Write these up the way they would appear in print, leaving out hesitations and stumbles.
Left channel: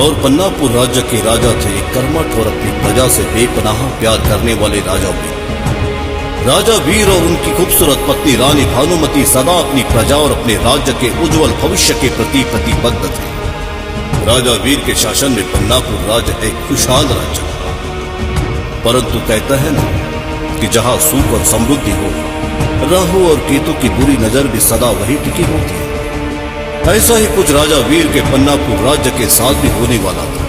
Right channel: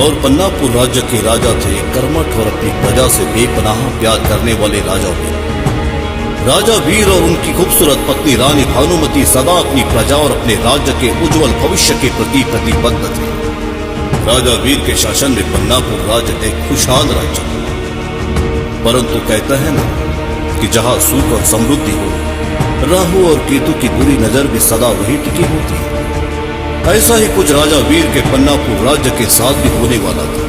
और पन्नापुर राज्य के राजा थे कर्मठ और अपनी प्रजा से बेपनाह प्यार करने वाले राजा वीर। राजा वीर और उनकी खूबसूरत पत्नी रानी भानुमति सदा अपनी प्रजा और अपने राज्य के उज्जवल भविष्य के प्रति प्रतिबद्ध थे। राजा वीर के शासन में पन्नापुर राज्य एक खुशहाल राज्य था। परंतु कहता है ना कि जहां सुख और समृद्धि हो, राहु और केतु की बुरी नजर भी सदा वही टिकी होती है। ऐसा ही कुछ राजा वीर के पन्नापुर राज्य के साथ भी होने वाला था।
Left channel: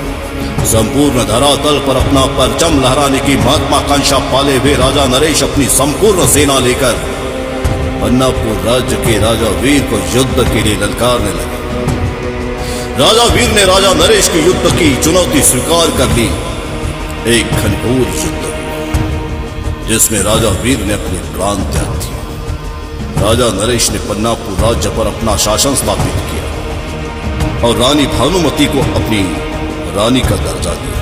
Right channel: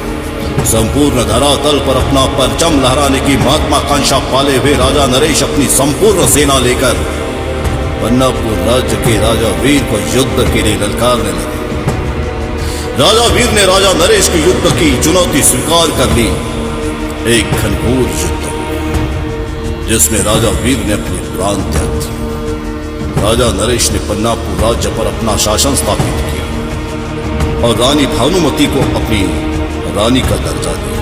संपूर्ण धरातल पर अपना परचम लहराने की महत्वाकांक्षा पाले हुए राजा नरेश अपनी संपूर्ण सेना लेकर पन्नापुर राज्य के राजा वीर को युद्ध के लिए ललकारने लगे। राजा वीर ने राजा नरेश की युद्ध की चुनौती स्वीकार कर ली। एक घनघोर युद्ध हुआ जिसमें राजा वीर ने अपने प्राण त्याग दिए। राजा नरेश ने पन्नापुर राज्य पर अपना शासन स्थापित किया और रानी भानुमति को अपनी रानी का दर्जा दिया।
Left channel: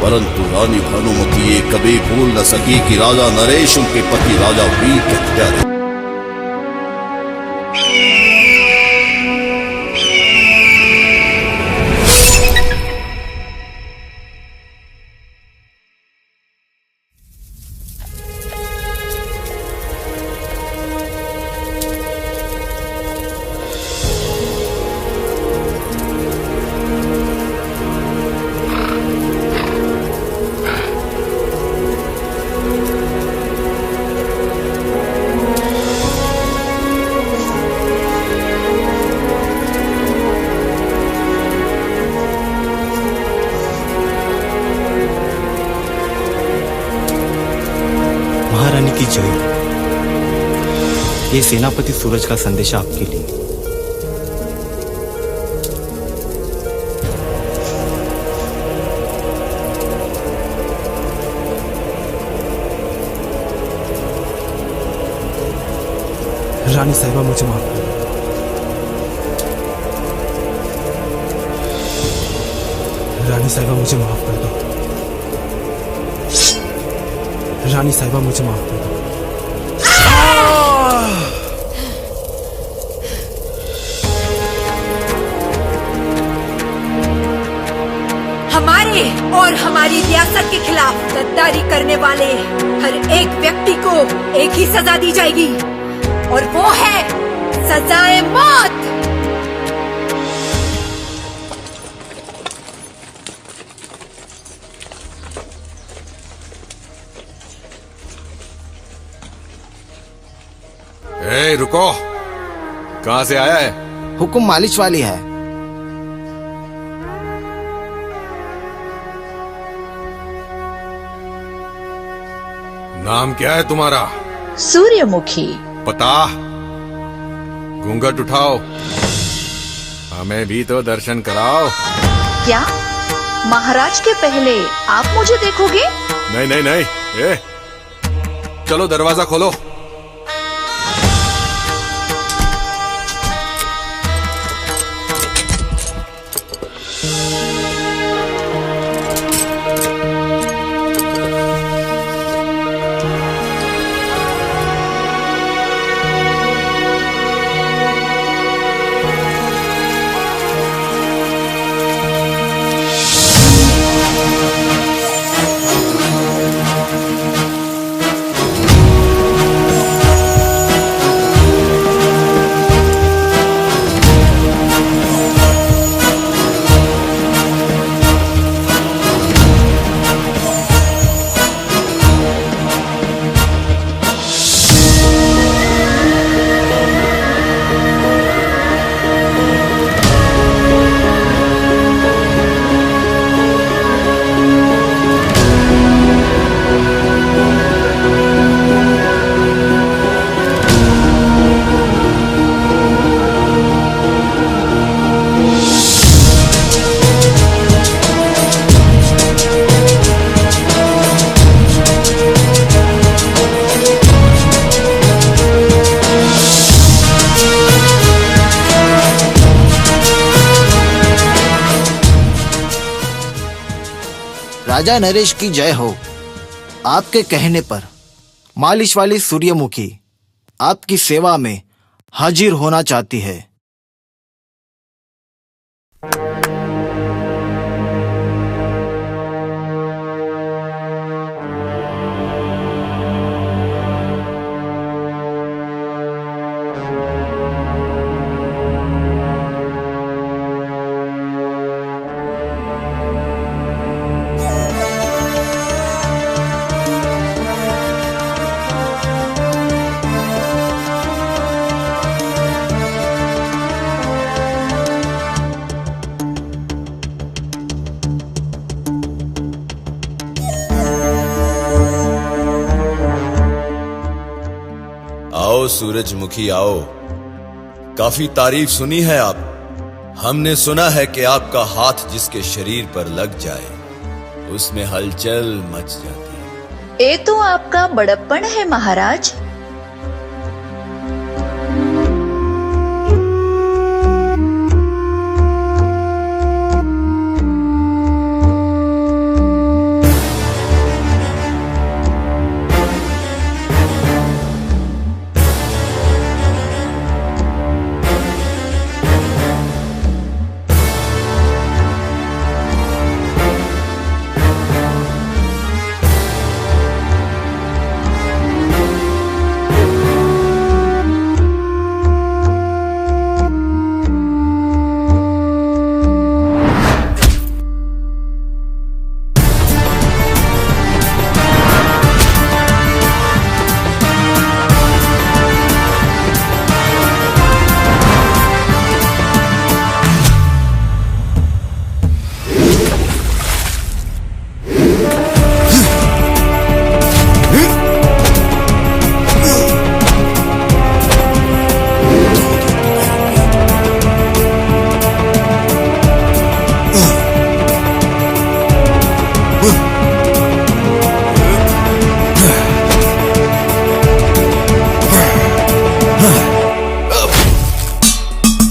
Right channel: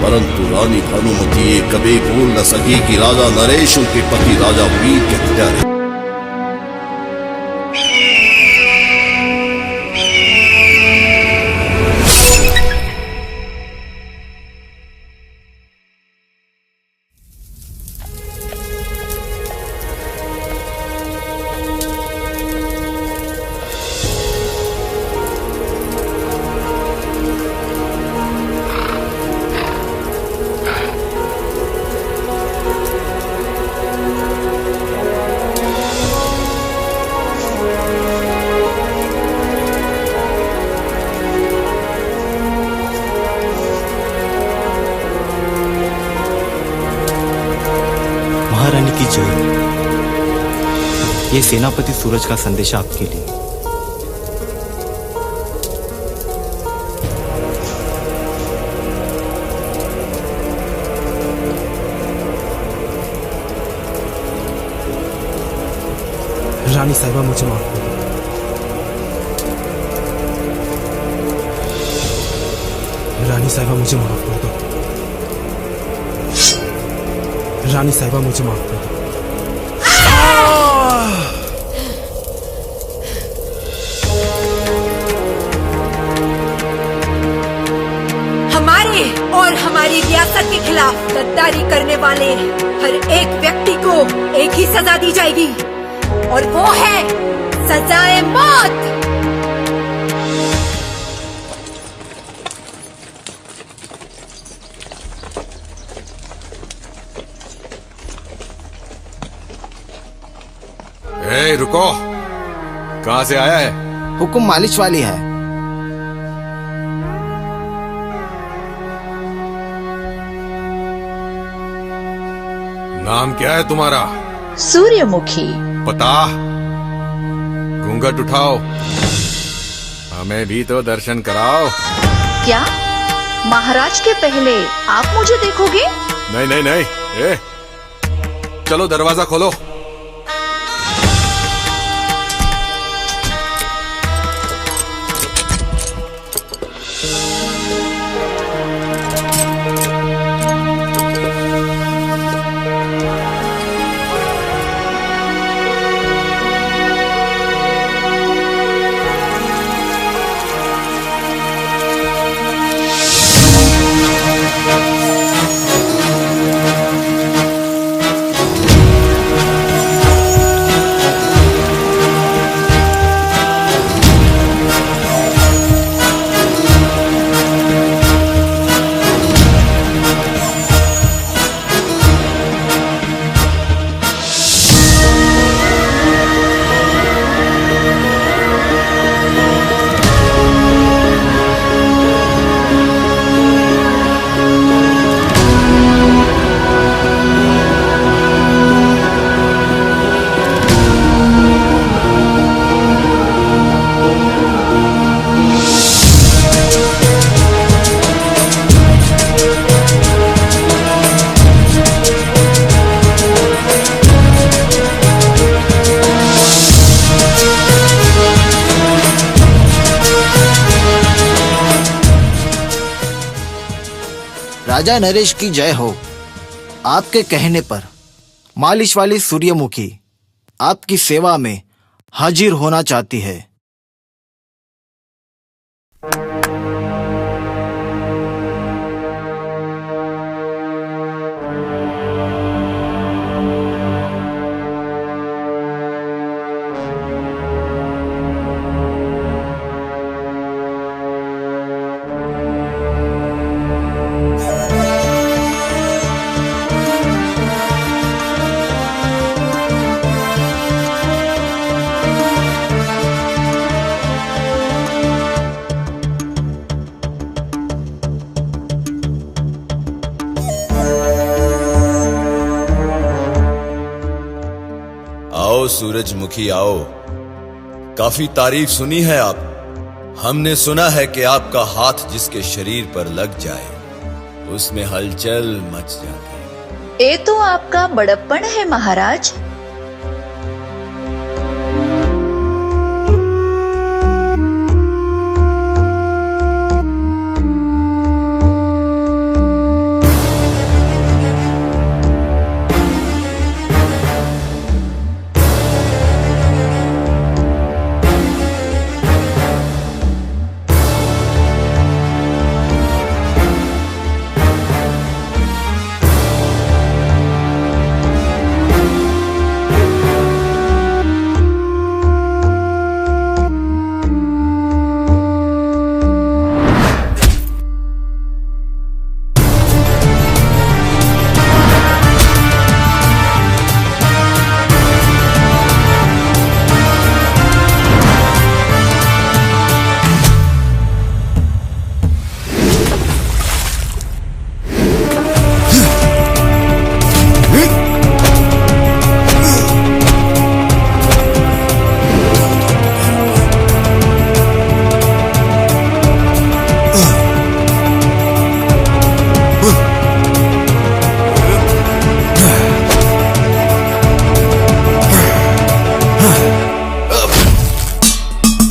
परंतु रानी भानुमति ये कभी भूल न सकी कि राजा नरेश उनके पति राजा वीर के हत्यारे। महारानी की जय। ये सेनापति सूरज का संदेश आपके लिए। रानी साहिबा मुझे माफ कर दो। रानी साहिबा मुझे माफ कर दो। रानी साहिबा मुझे माफ कर दो। हमारे और हमारी रियासत के खिलाफ गद्दारी करने वाले हर एक व्यक्ति को एक ही सजा दी जाएगी और वो है सजाए मौत। ए, रुको। कहां से आया है? हुकुम मालिश वाली है। नाम क्या है तुम्हारा? सूर्यमुखी। पता? घूंघट उठाओ, हमें भी तो दर्शन कराओ। क्या महाराज के पहले आप मुझे देखोगे? नहीं नहीं नहीं। ए, चलो दरवाजा खोलो। राजा नरेश की जय हो। आपके कहने पर मालिश वाली सूर्यमुखी आपकी सेवा में हाजिर होना चाहती है। सूरजमुखी आओ। काफी तारीफ सुनी है आप। हमने सुना है कि आपका हाथ जिसके शरीर पर लग जाए उसमें हलचल मच जाती है। ये तो आपका बड़प्पन है महाराज।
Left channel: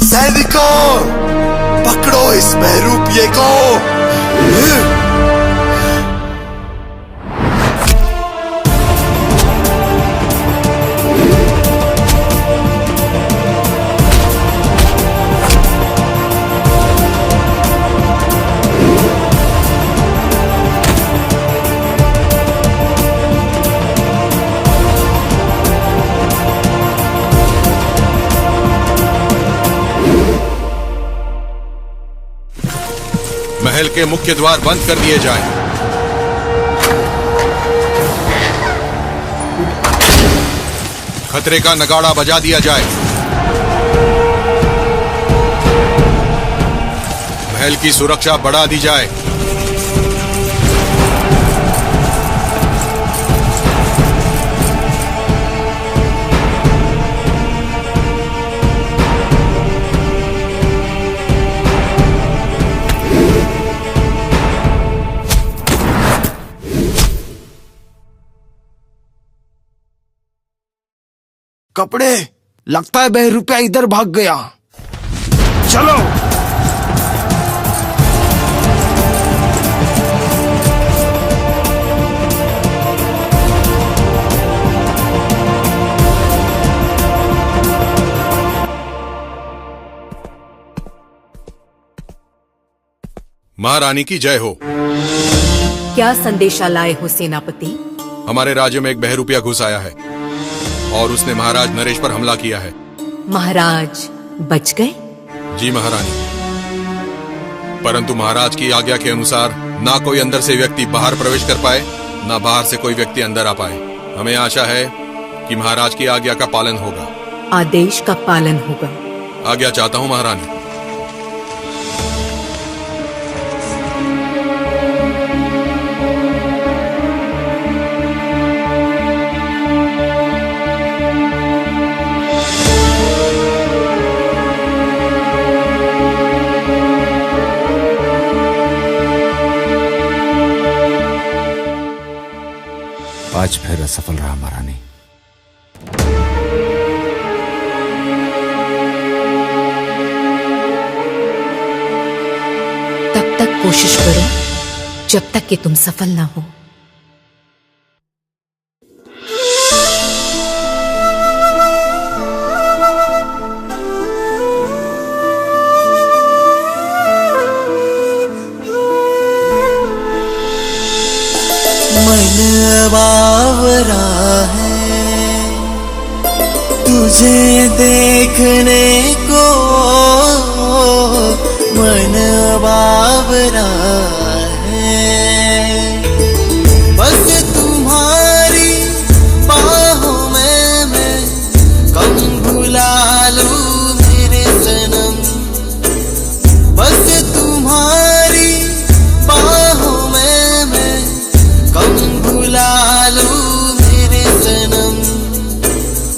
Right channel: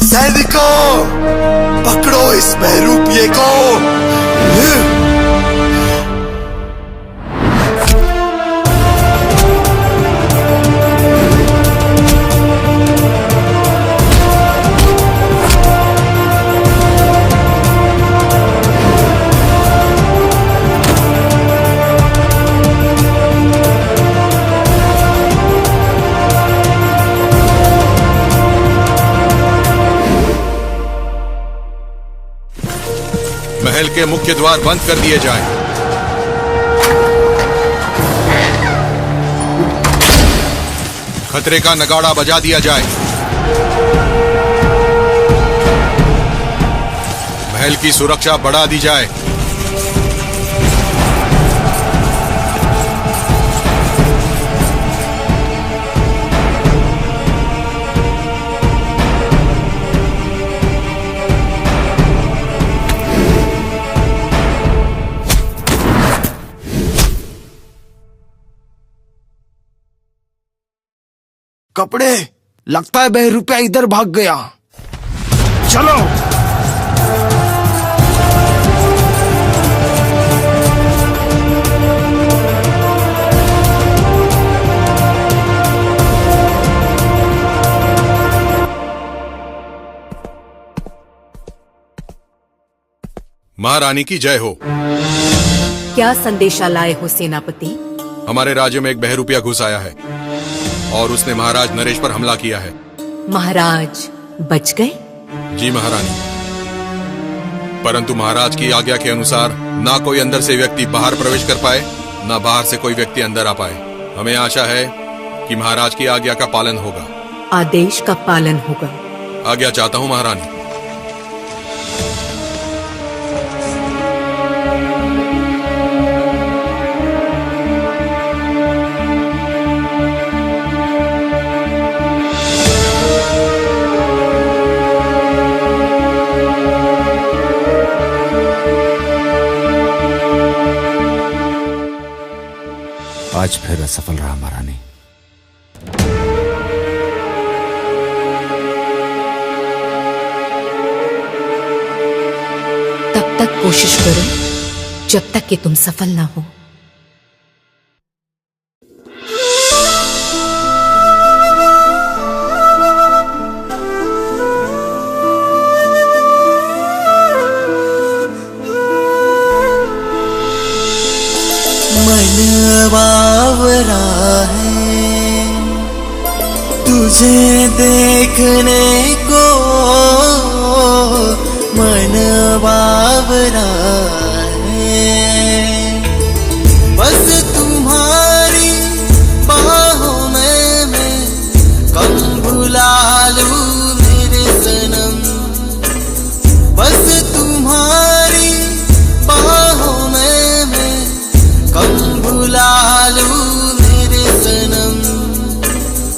सैनिकों, पकड़ो इस बहरूपिये को। महल के मुख्य द्वार बंद कर दिए जाएं। खतरे का नगाड़ा बजा दिया जाए। महल की सुरक्षा बढ़ा दी जाए। कपड़े, लगता है बहरूपिया इधर भाग गया। चलो। महारानी की जय हो। क्या संदेशा लाए हो सेनापति? हमारे राज्य में एक बहरूपिया घुस आया है और उसने महाराज नरेश पर हमला किया है। महाराज बच गए? जी महारानी, परंतु महाराज की आज्ञा के अनुसार ना कोई अंदर से व्यक्ति बाहर प्रवेश कर पाए, ना बाहर से कोई व्यक्ति अंदर आ पाए। हमें आशा है कि महाराज की आज्ञा का पालन होगा। आदेश का पालन होगा। आज्ञा चाहता हूँ महारानी। आज फिर असफल रहा महारानी। तब तक कोशिश करो जब तक कि तुम सफल ना हो। मन बावरा है तुझे देखने को, मन बावरा है बस तुम्हारी बाहों में मैं कम भुला लूं मेरे सनम। बस तुम्हारी बाहों में मैं कम भुला लूं मेरे सनम।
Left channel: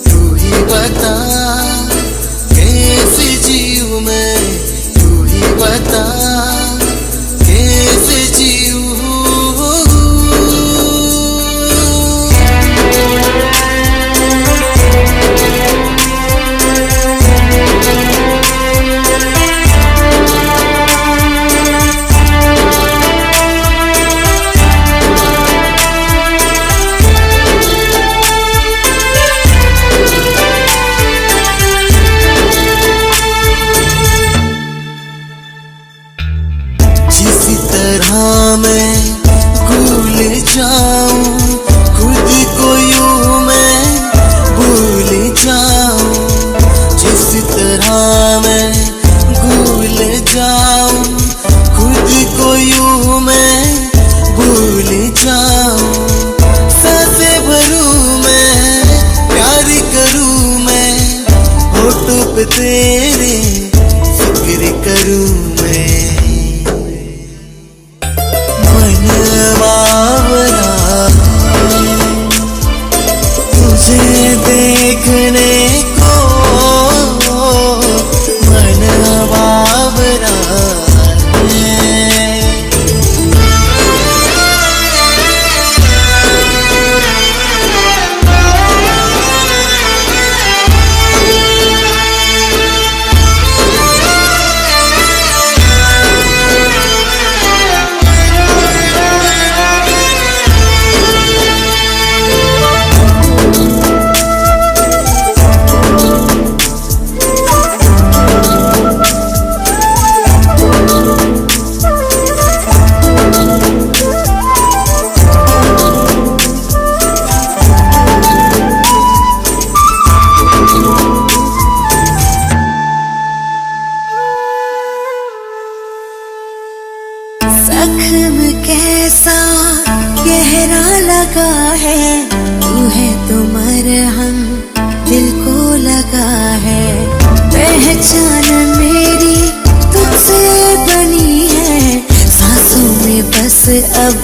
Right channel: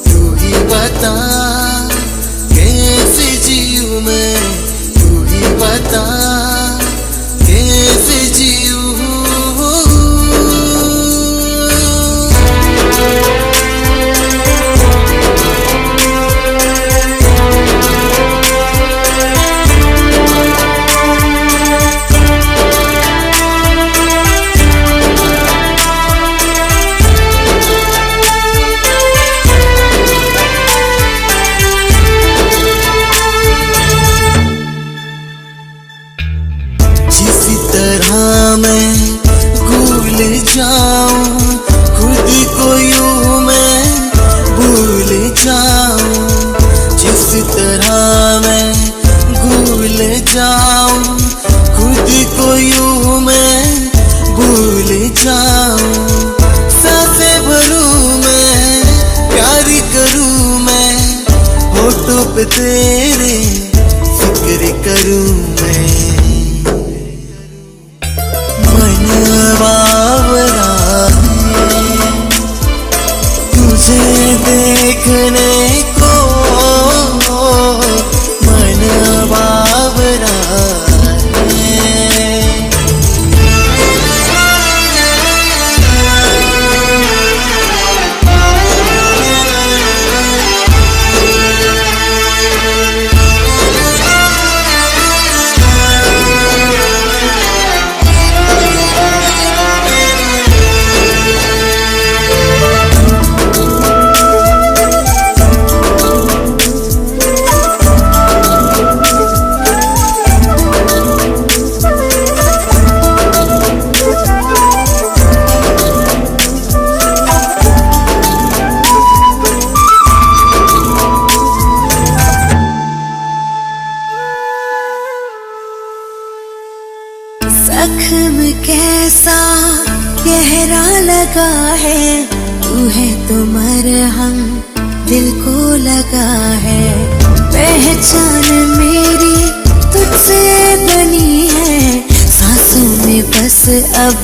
तू ही किस तरह मैं भूल जाऊं खुद को यूं मैं भूल जाऊं जिस तरह मैं भूल जाऊं खुद को यूं मैं भूल जाऊं सांसें भरूं मैं प्यार करूं मैं होठों पे तेरे फिक्र करूं मैं मन बावरा है तुझे देखने को मन बावरा है जख्म कैसा गहरा लगा है तू है तो मरहम दिल को लगा है पहचान मेरी तुझसे बनी है सांसों में बस अब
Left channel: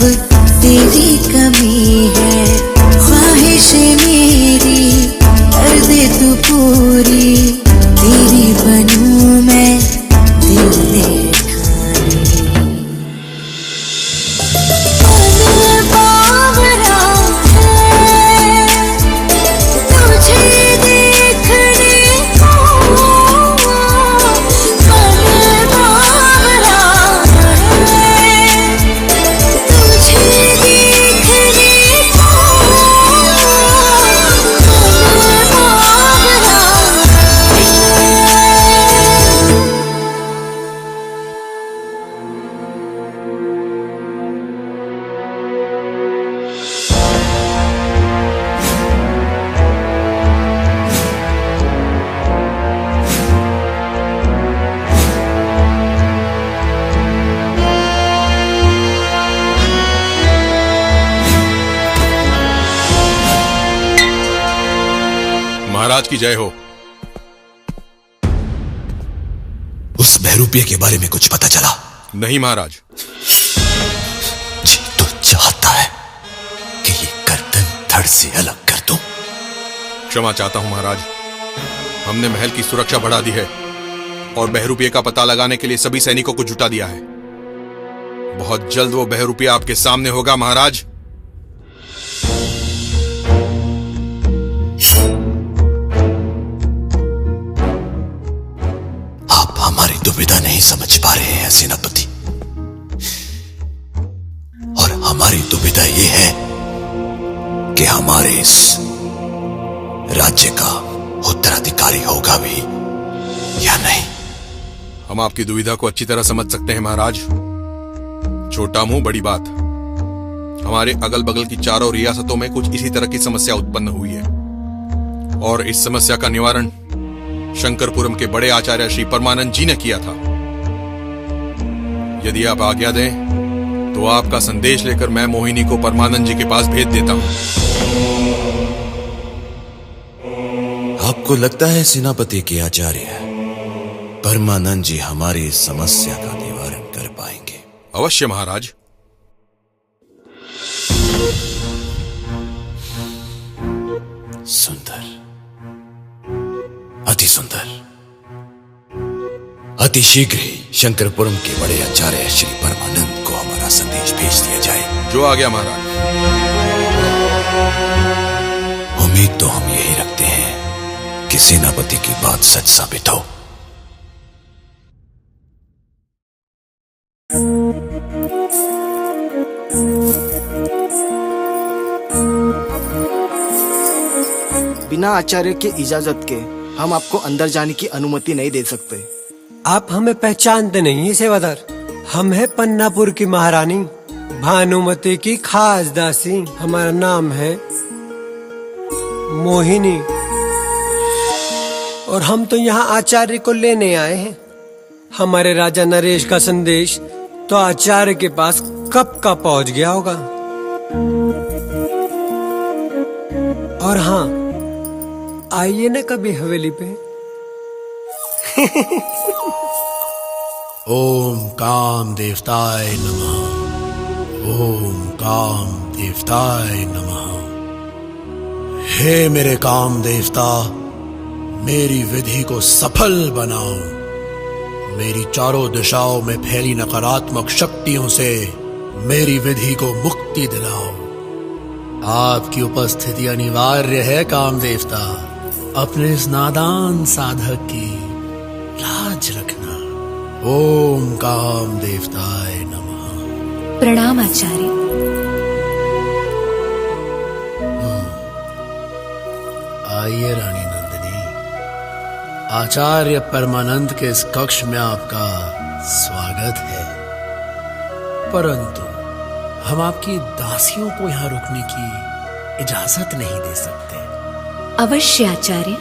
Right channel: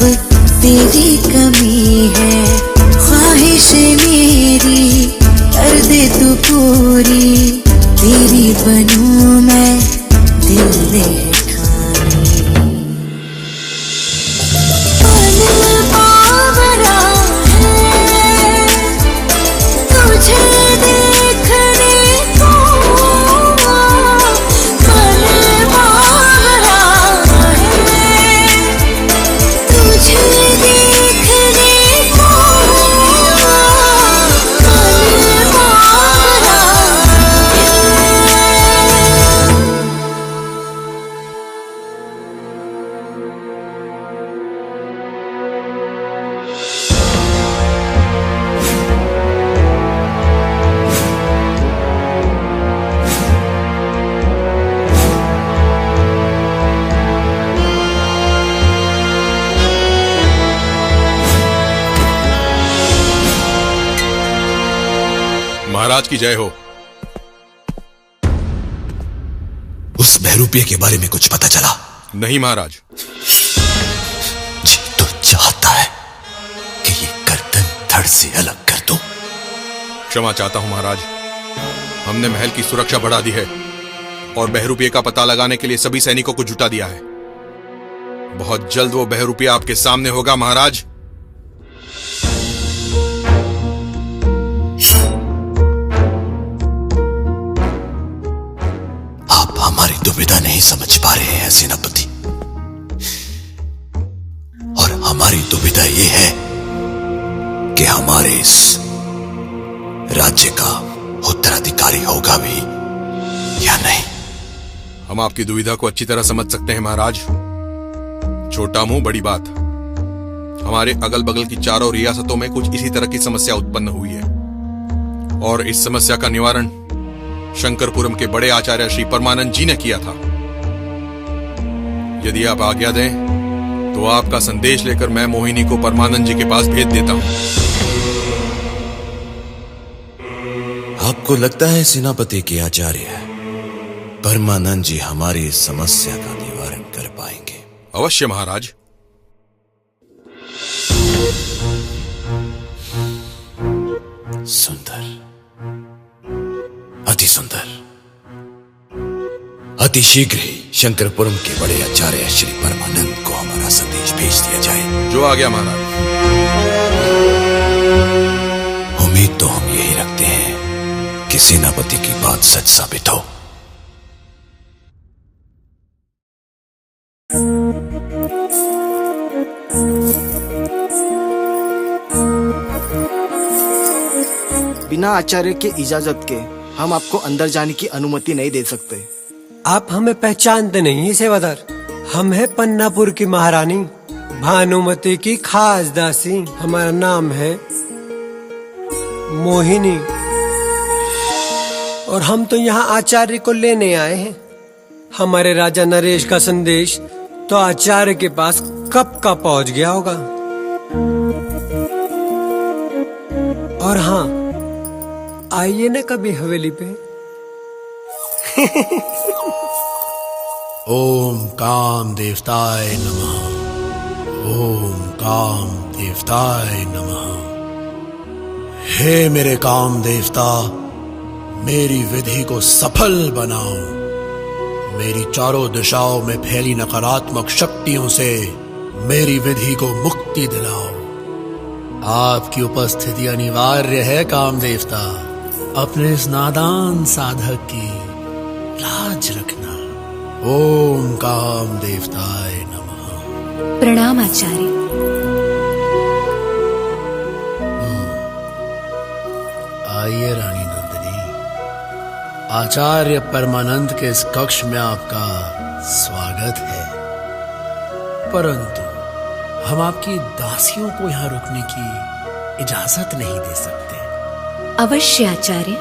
तेरी कमी है ख्वाहिश मेरी कर दे तू पूरी तेरी बनूं मैं दिल ले महाराज की जय हो। उस बहरूपिया के बारे में कुछ पता चला? नहीं महाराज। तो चाहता है कि ये गर्दन धड़ से अलग कर दूं। क्षमा चाहता हूं महाराज, हमने महल की सुरक्षा बढ़ा दी है और बहरूपिया का पता लगाने के लिए सभी सैनिकों को जुटा दिया है। बहुत जल्द वो बहरूपिया आपके सामने होगा महाराज। आप हमारी दुविधा नहीं समझ पा रहे हैं सेनापति, और हमारी दुविधा ये है कि हमारे इस राज्य का उत्तराधिकारी होगा भी या नहीं। हम आपकी दुविधा को अच्छी तरह समझ सकते हैं महाराज। छोटा मुंह बड़ी बात। हमारे अगल बगल की चारों रियासतों में कुछ इसी तरह की समस्या उत्पन्न हुई है और इस समस्या का निवारण शंकरपुरम के बड़े आचार्य श्री परमानंद जी ने किया था। यदि आप आज्ञा दें तो आपका संदेश लेकर मैं मोहिनी को परमानंद जी के पास भेज देता हूं। आपको लगता है सेनापति के आचार्य परमानंद जी हमारी समस्या का निवारण कर पाएंगे? अवश्य महाराज। सुंदर, अति सुंदर। अति शीघ्र ही शंकरपुरम के बड़े आचार्य श्री परमानंद को हमारा संदेश भेज दिया जाए। जो आ गया महाराज। उम्मीद तो हम यही रखते हैं कि सेनापति की बात सच साबित हो। बिना आचार्य के इजाजत के हम आपको अंदर जाने की अनुमति नहीं दे सकते। आप हमें पहचानते नहीं हैं सेवादार। हम है पन्नापुर की महारानी, भानुमति की खास दासी। हमारा नाम है मोहिनी और हम तो यहाँ आचार्य को लेने आए हैं। हमारे राजा नरेश का संदेश तो आचार्य के पास कब का पहुंच गया होगा। और हाँ, आइए ना कभी हवेली पे। ओम काम देवताय नमः। ओम काम देवताय नमः। हे मेरे काम देवता, मेरी विधि को सफल बनाओ। मेरी चारों दिशाओं में फैली नकारात्मक शक्तियों से मेरी विधि को मुक्ति दिलाओ। आपकी उपस्थिति अनिवार्य है काम देवता। अपने इस नादान साधक की लाज रखना। ओम काम देवताय नमः। प्रणाम आचार्य। आइए रानी नंदिनी, आचार्य परमानंद के इस कक्ष में आपका स्वागत है। परंतु हम आपकी दासियों को यहाँ रुकने की इजाजत नहीं दे सकते। अवश्य आचार्य।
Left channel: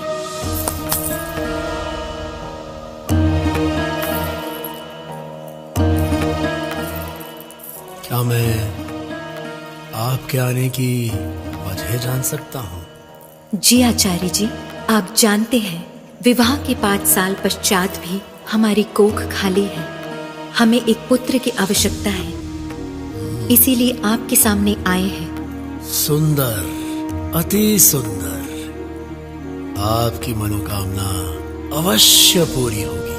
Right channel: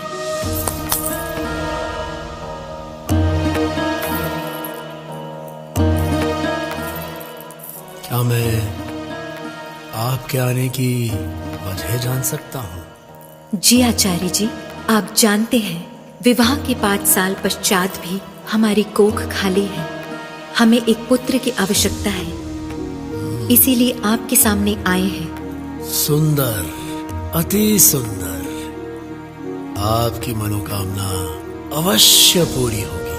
क्या मैं आपके आने की वजह जान सकता हूँ? जी आचार्य जी, आप जानते हैं विवाह के 5 साल पश्चात भी हमारी कोख खाली है। हमें एक पुत्र की आवश्यकता है, इसीलिए आपके सामने आए हैं। सुंदर, अति सुंदर। आपकी मनोकामना अवश्य पूरी होगी।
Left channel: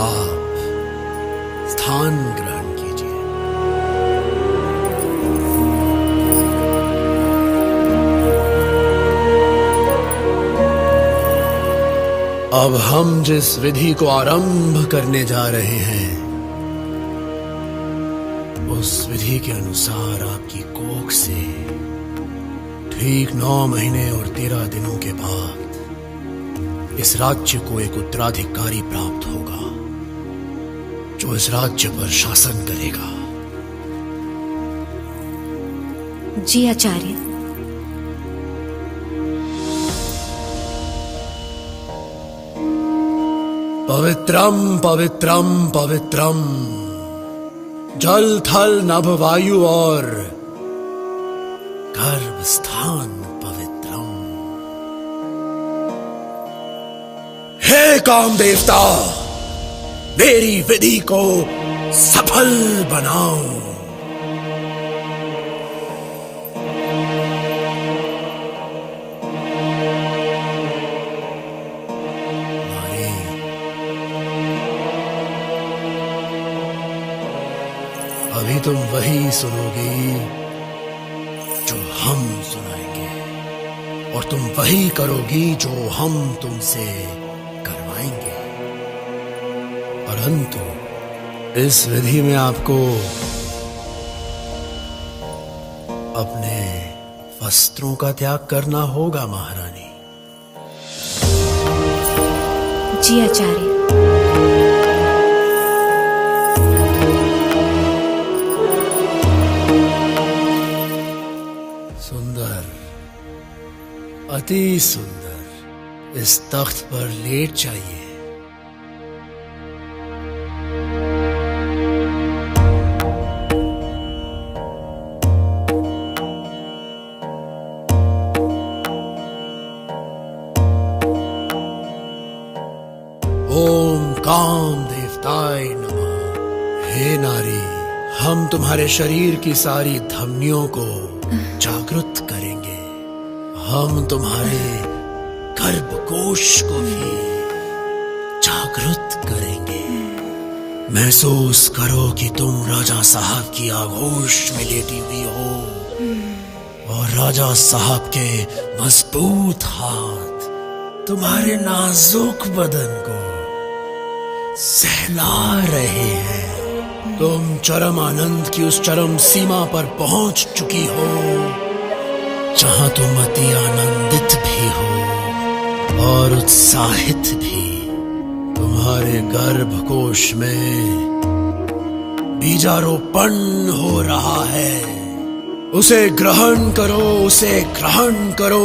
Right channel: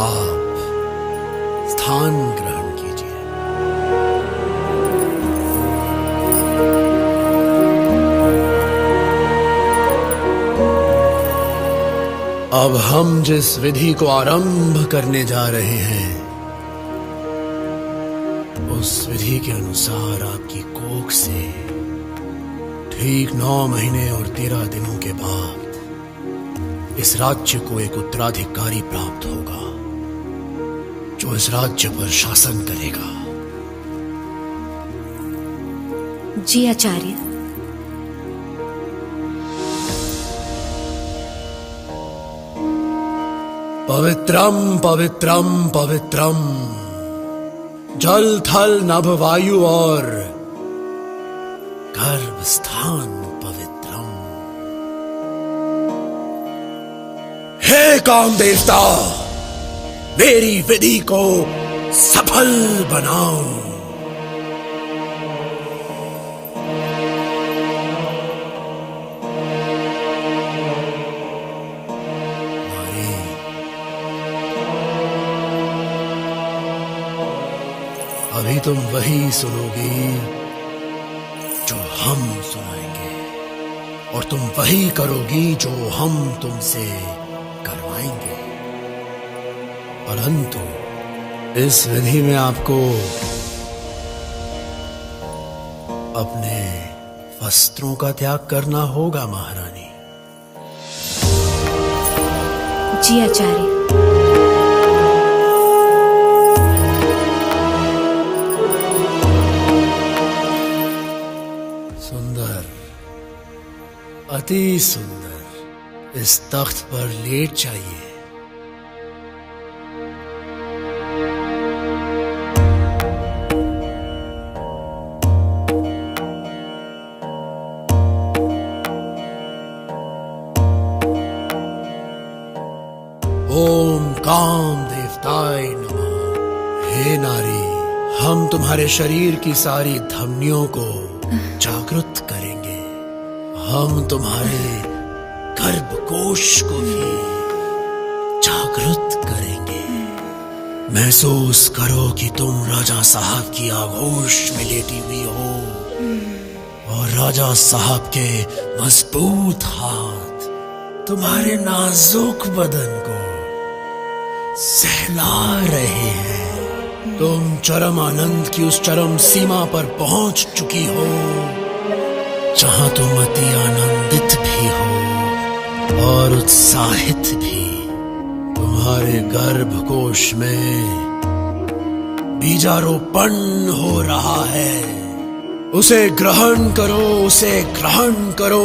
आप स्थान ग्रहण कीजिए। अब हम जिस विधि को आरंभ करने जा रहे हैं, उस विधि के अनुसार आपकी कोख से ठीक 9 महीने और 13 दिनों के बाद इस राज्य को एक उत्तराधिकारी प्राप्त होगा, जो इस राज्य पर शासन करेगा। जी आचार्य। पवित्रम पवित्रम पवित्रम, जल थल नभ वायु और गर्भ स्थान पवित्रम। हे काम देवता, मेरी विधि को सफल बनाओ। अभी तुम वही सुनोगी जो हम सुनाएंगे, और तुम वही करोगी जो हम तुमसे करवाएंगे। परंतु इस विधि में आपको अपने वस्त्रों का त्याग करना होगा महारानी। जी आचार्य। अति सुंदर, इस तख्त पर लेट जाइए। ओम काम देवताय नमः। हे नारी, हम तुम्हारे शरीर की सारी धमनियों को जागृत करेंगे। हम तुम्हारे गर्भकोश को भी जागृत करेंगे। महसूस करो कि तुम राजा साहब की आगोश में लेटी हुई हो और राजा साहब के मजबूत हाथ तुम्हारे नाजुक बदन को सहला रहे हैं। तुम चरम आनंद की उस चरम सीमा पर पहुंच चुकी हो जहां तुम अति आनंदित भी हो और उत्साहित भी। तुम्हारे तुम्हारे गर्भकोश में बीजारोपण हो रहा है। उसे ग्रहण करो, उसे ग्रहण करो।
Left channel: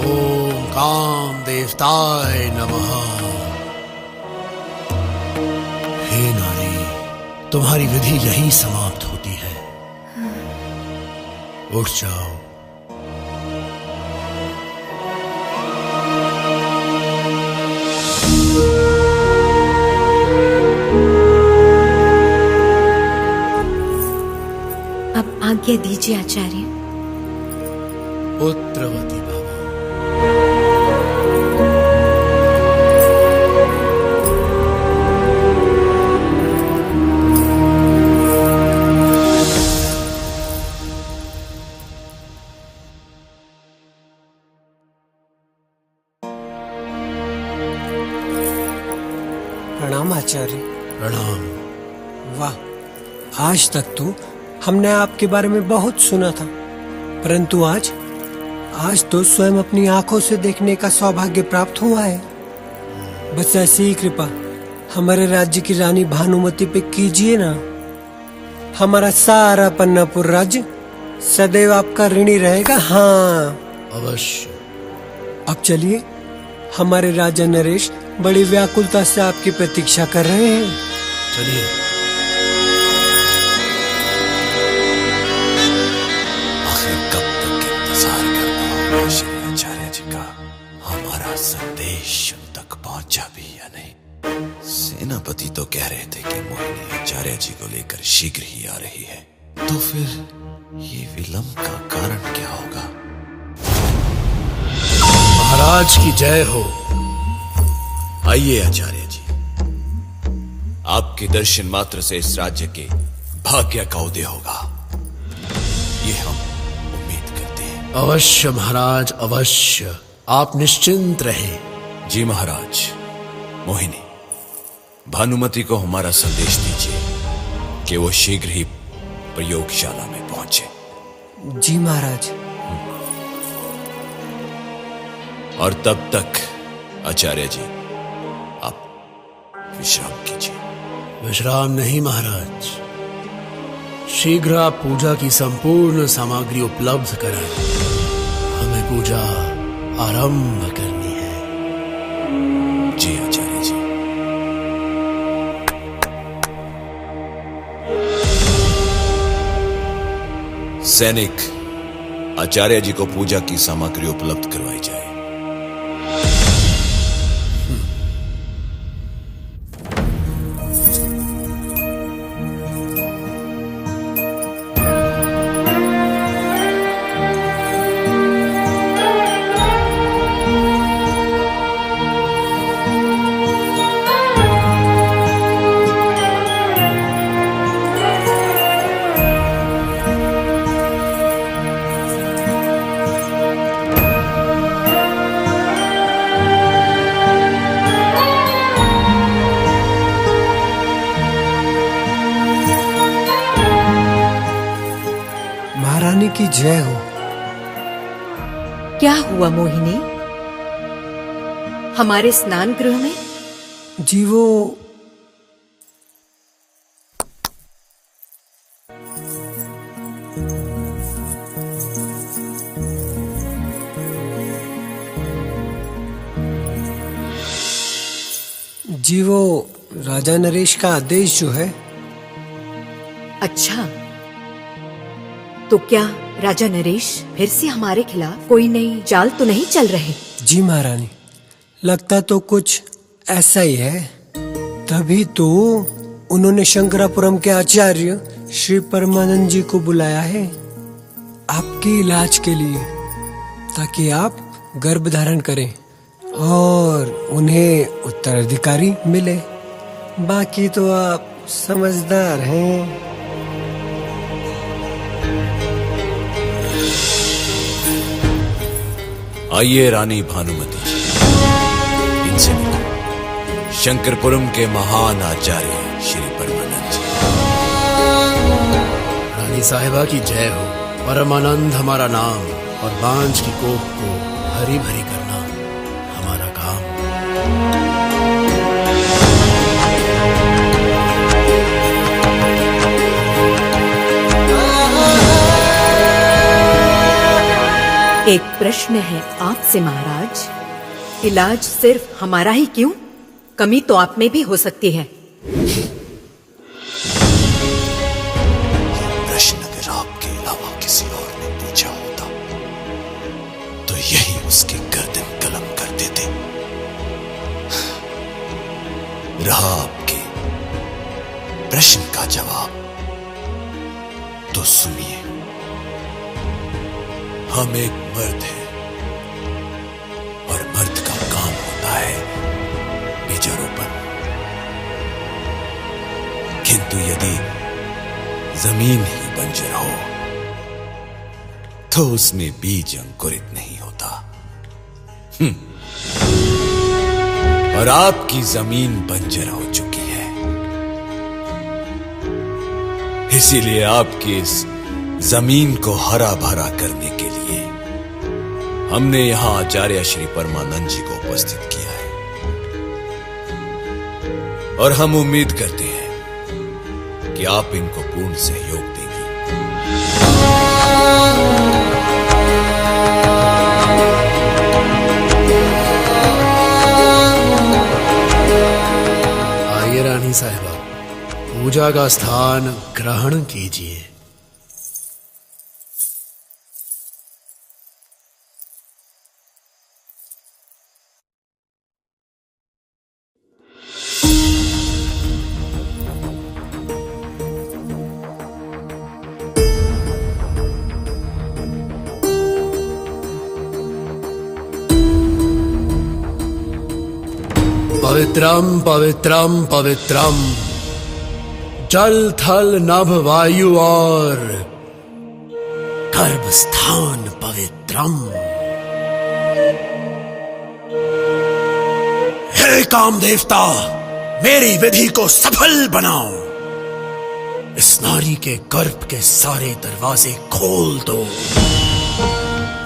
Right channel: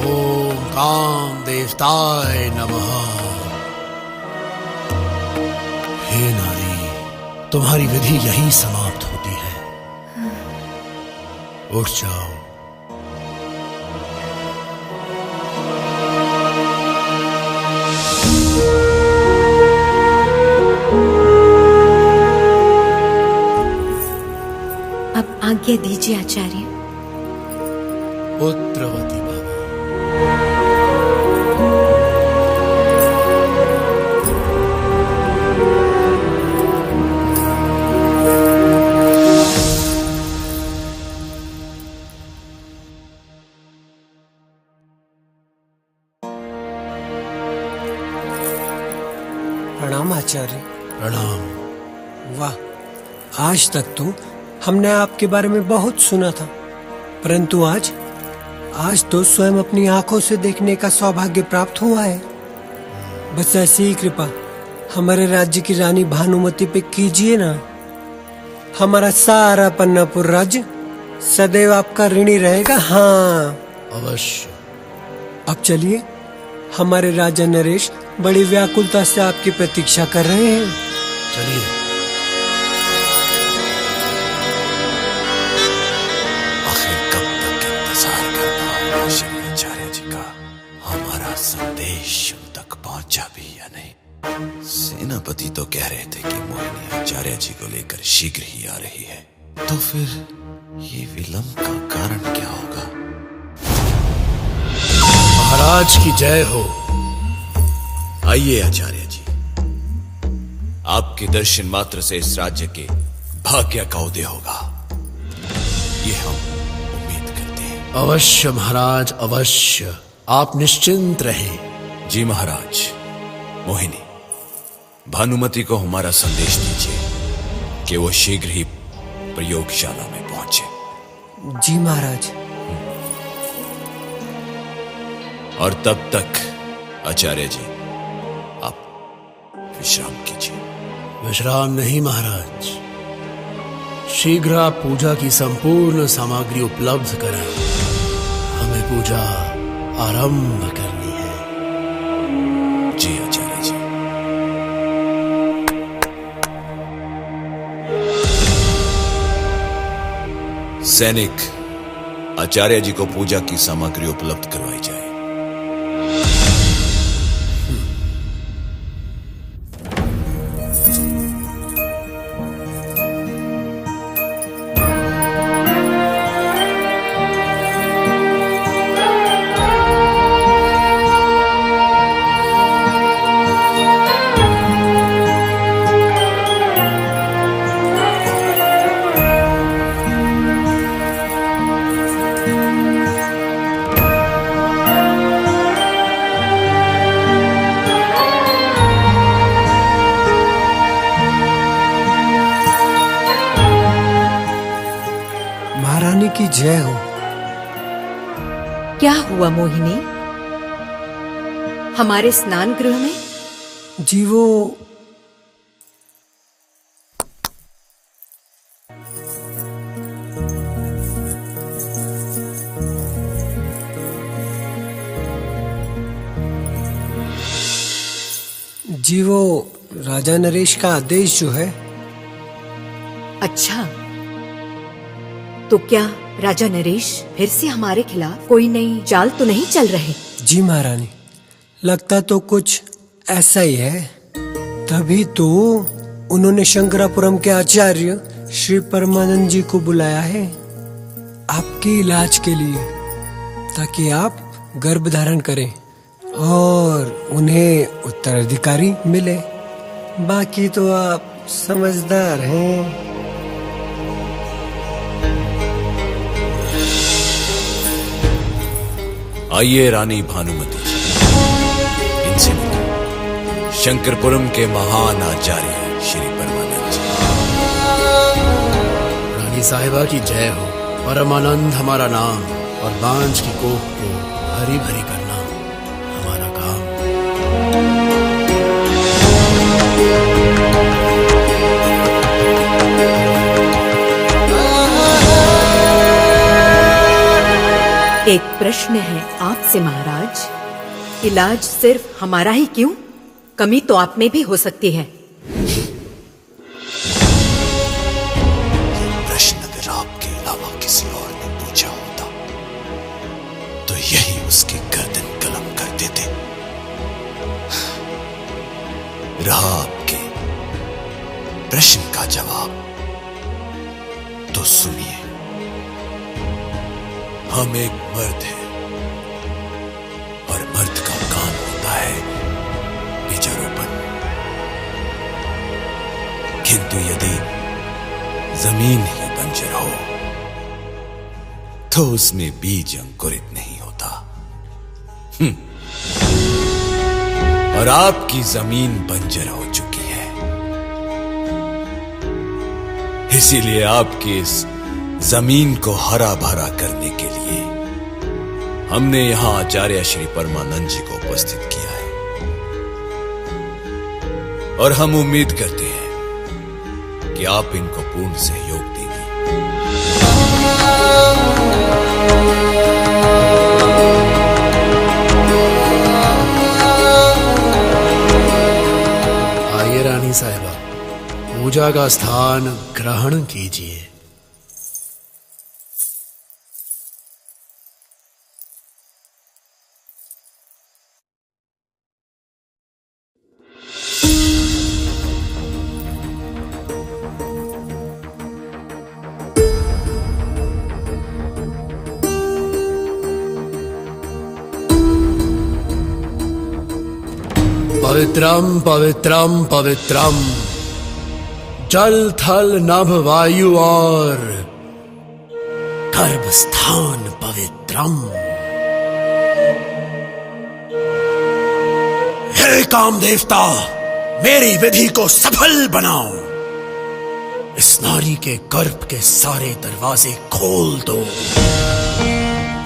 ओम काम देवताय नमः। हे नारी, तुम्हारी विधि यही समाप्त होती है। उठ जाओ। अब आज्ञा दीजिए आचार्य। पुत्रवती भव। प्रणाम आचार्य। प्रणाम। वाह, आज तक तो हमने आपके बारे में बहुत सुना था, परंतु आज तो स्वयं अपनी आंखों से देखने का सौभाग्य प्राप्त हुआ है। बस ऐसी ही कृपा हमारे राज्य की रानी भानुमति पे कीजिए ना। हमारा सारा पन्नापुर राज्य सदैव आपका ऋणी रहेगा। हाँ अवश्य। अब चलिए, हमारे राजा नरेश बड़ी व्याकुलता से आपकी प्रतीक्षा कर रहे हैं। चलिए। आखिर कब तक इंतजार कर पाऊंगा श्री आचार्य जी का? हमारा संदेश उन तक पहुंचा भी या नहीं? सेनापति तो कह रहे थे कि मोहिनी आचार्य जी को लेकर शीघ्र ही आ रही है, तो फिर ये विलंब का कारण क्या होगा? महाराज की जय हो। आइए आचार्य जी, आपके दर्शन मात्र से इस राज्य के भाग्य का उदय होगा, ये हम उम्मीद करते हैं। अवश्य महाराज, अवश्य। आप निश्चिंत रहें। जी महाराज। मोहिनी, भानुमति को हमारा संदेश दीजिए कि वो शीघ्र ही प्रयोगशाला में पहुंचे। जी महाराज। और तब तक आचार्य जी आप विश्राम कीजिए। विश्राम नहीं महाराज, शीघ्र आप पूजा की संपूर्ण सामग्री उपलब्ध कराएं। हमें पूजा आरंभ करनी है। जी आचार्य जी। सैनिक, आचार्य जी को पूजा की सामग्री उपलब्ध करवाई जाए। महारानी की जय हो। क्या हुआ मोहिनी? हमारे स्नान गृह में? जी वो राजा नरेश का आदेश जो है। अच्छा, तो क्या राजा नरेश फिर से हमारे खिलाफ कोई नई चाल तो नहीं चल रहे? जी महारानी, लगता तो कुछ ऐसा ही है। तभी तो उन्होंने शंकरापुरम के आचार्य श्री परमानंद जी को बुलाया है आपके इलाज के लिए, ताकि आप गर्भ धारण करें और उन्हें उत्तराधिकारी मिले। बाकी तो आप समझदार हैं। आइए रानी भानुमति, इनसे शंकरपुरम के महान आचार्य श्री परमानंद जी। रानी साहिबा की जय हो। परमानंद हमारा नाम और बांझ की कोख को हरी भरी करना हमारा काम। प्रश्न है आपसे महाराज, इलाज सिर्फ हमारा ही क्यों? कमी तो आप में भी हो सकती है। प्रश्न अगर आपके अलावा किसी और ने पूछा होता तो यही उसकी गर्दन कलम कर देते। रहा आपके प्रश्न का जवाब तो सुनिए। हम एक मर्द हैं और मर्द का काम होता है बीजारोपण। किंतु यदि जमीन ही बंजर हो तो उसमें बीज अंकुरित नहीं होता। और आपकी जमीन बंजर हो चुकी है, इसीलिए आपकी इस जमीन को हरा भरा करने के लिए हमने यहां आचार्य श्री परमानंद जी को उपस्थित किया है। और हम उम्मीद करते हैं कि आप इनको पूर्ण सहयोग देंगे। आइए रानी साहिबा, पूजा का स्थान ग्रहण कीजिए। पवित्रम पवित्रम पवित्रम, जल थल नभ वायु और गर्भ स्थान पवित्रम। हे काम देवता, मेरी विधि को सफल बनाओ। इस नारी के गर्भ के सारे दरवाजे खोल दो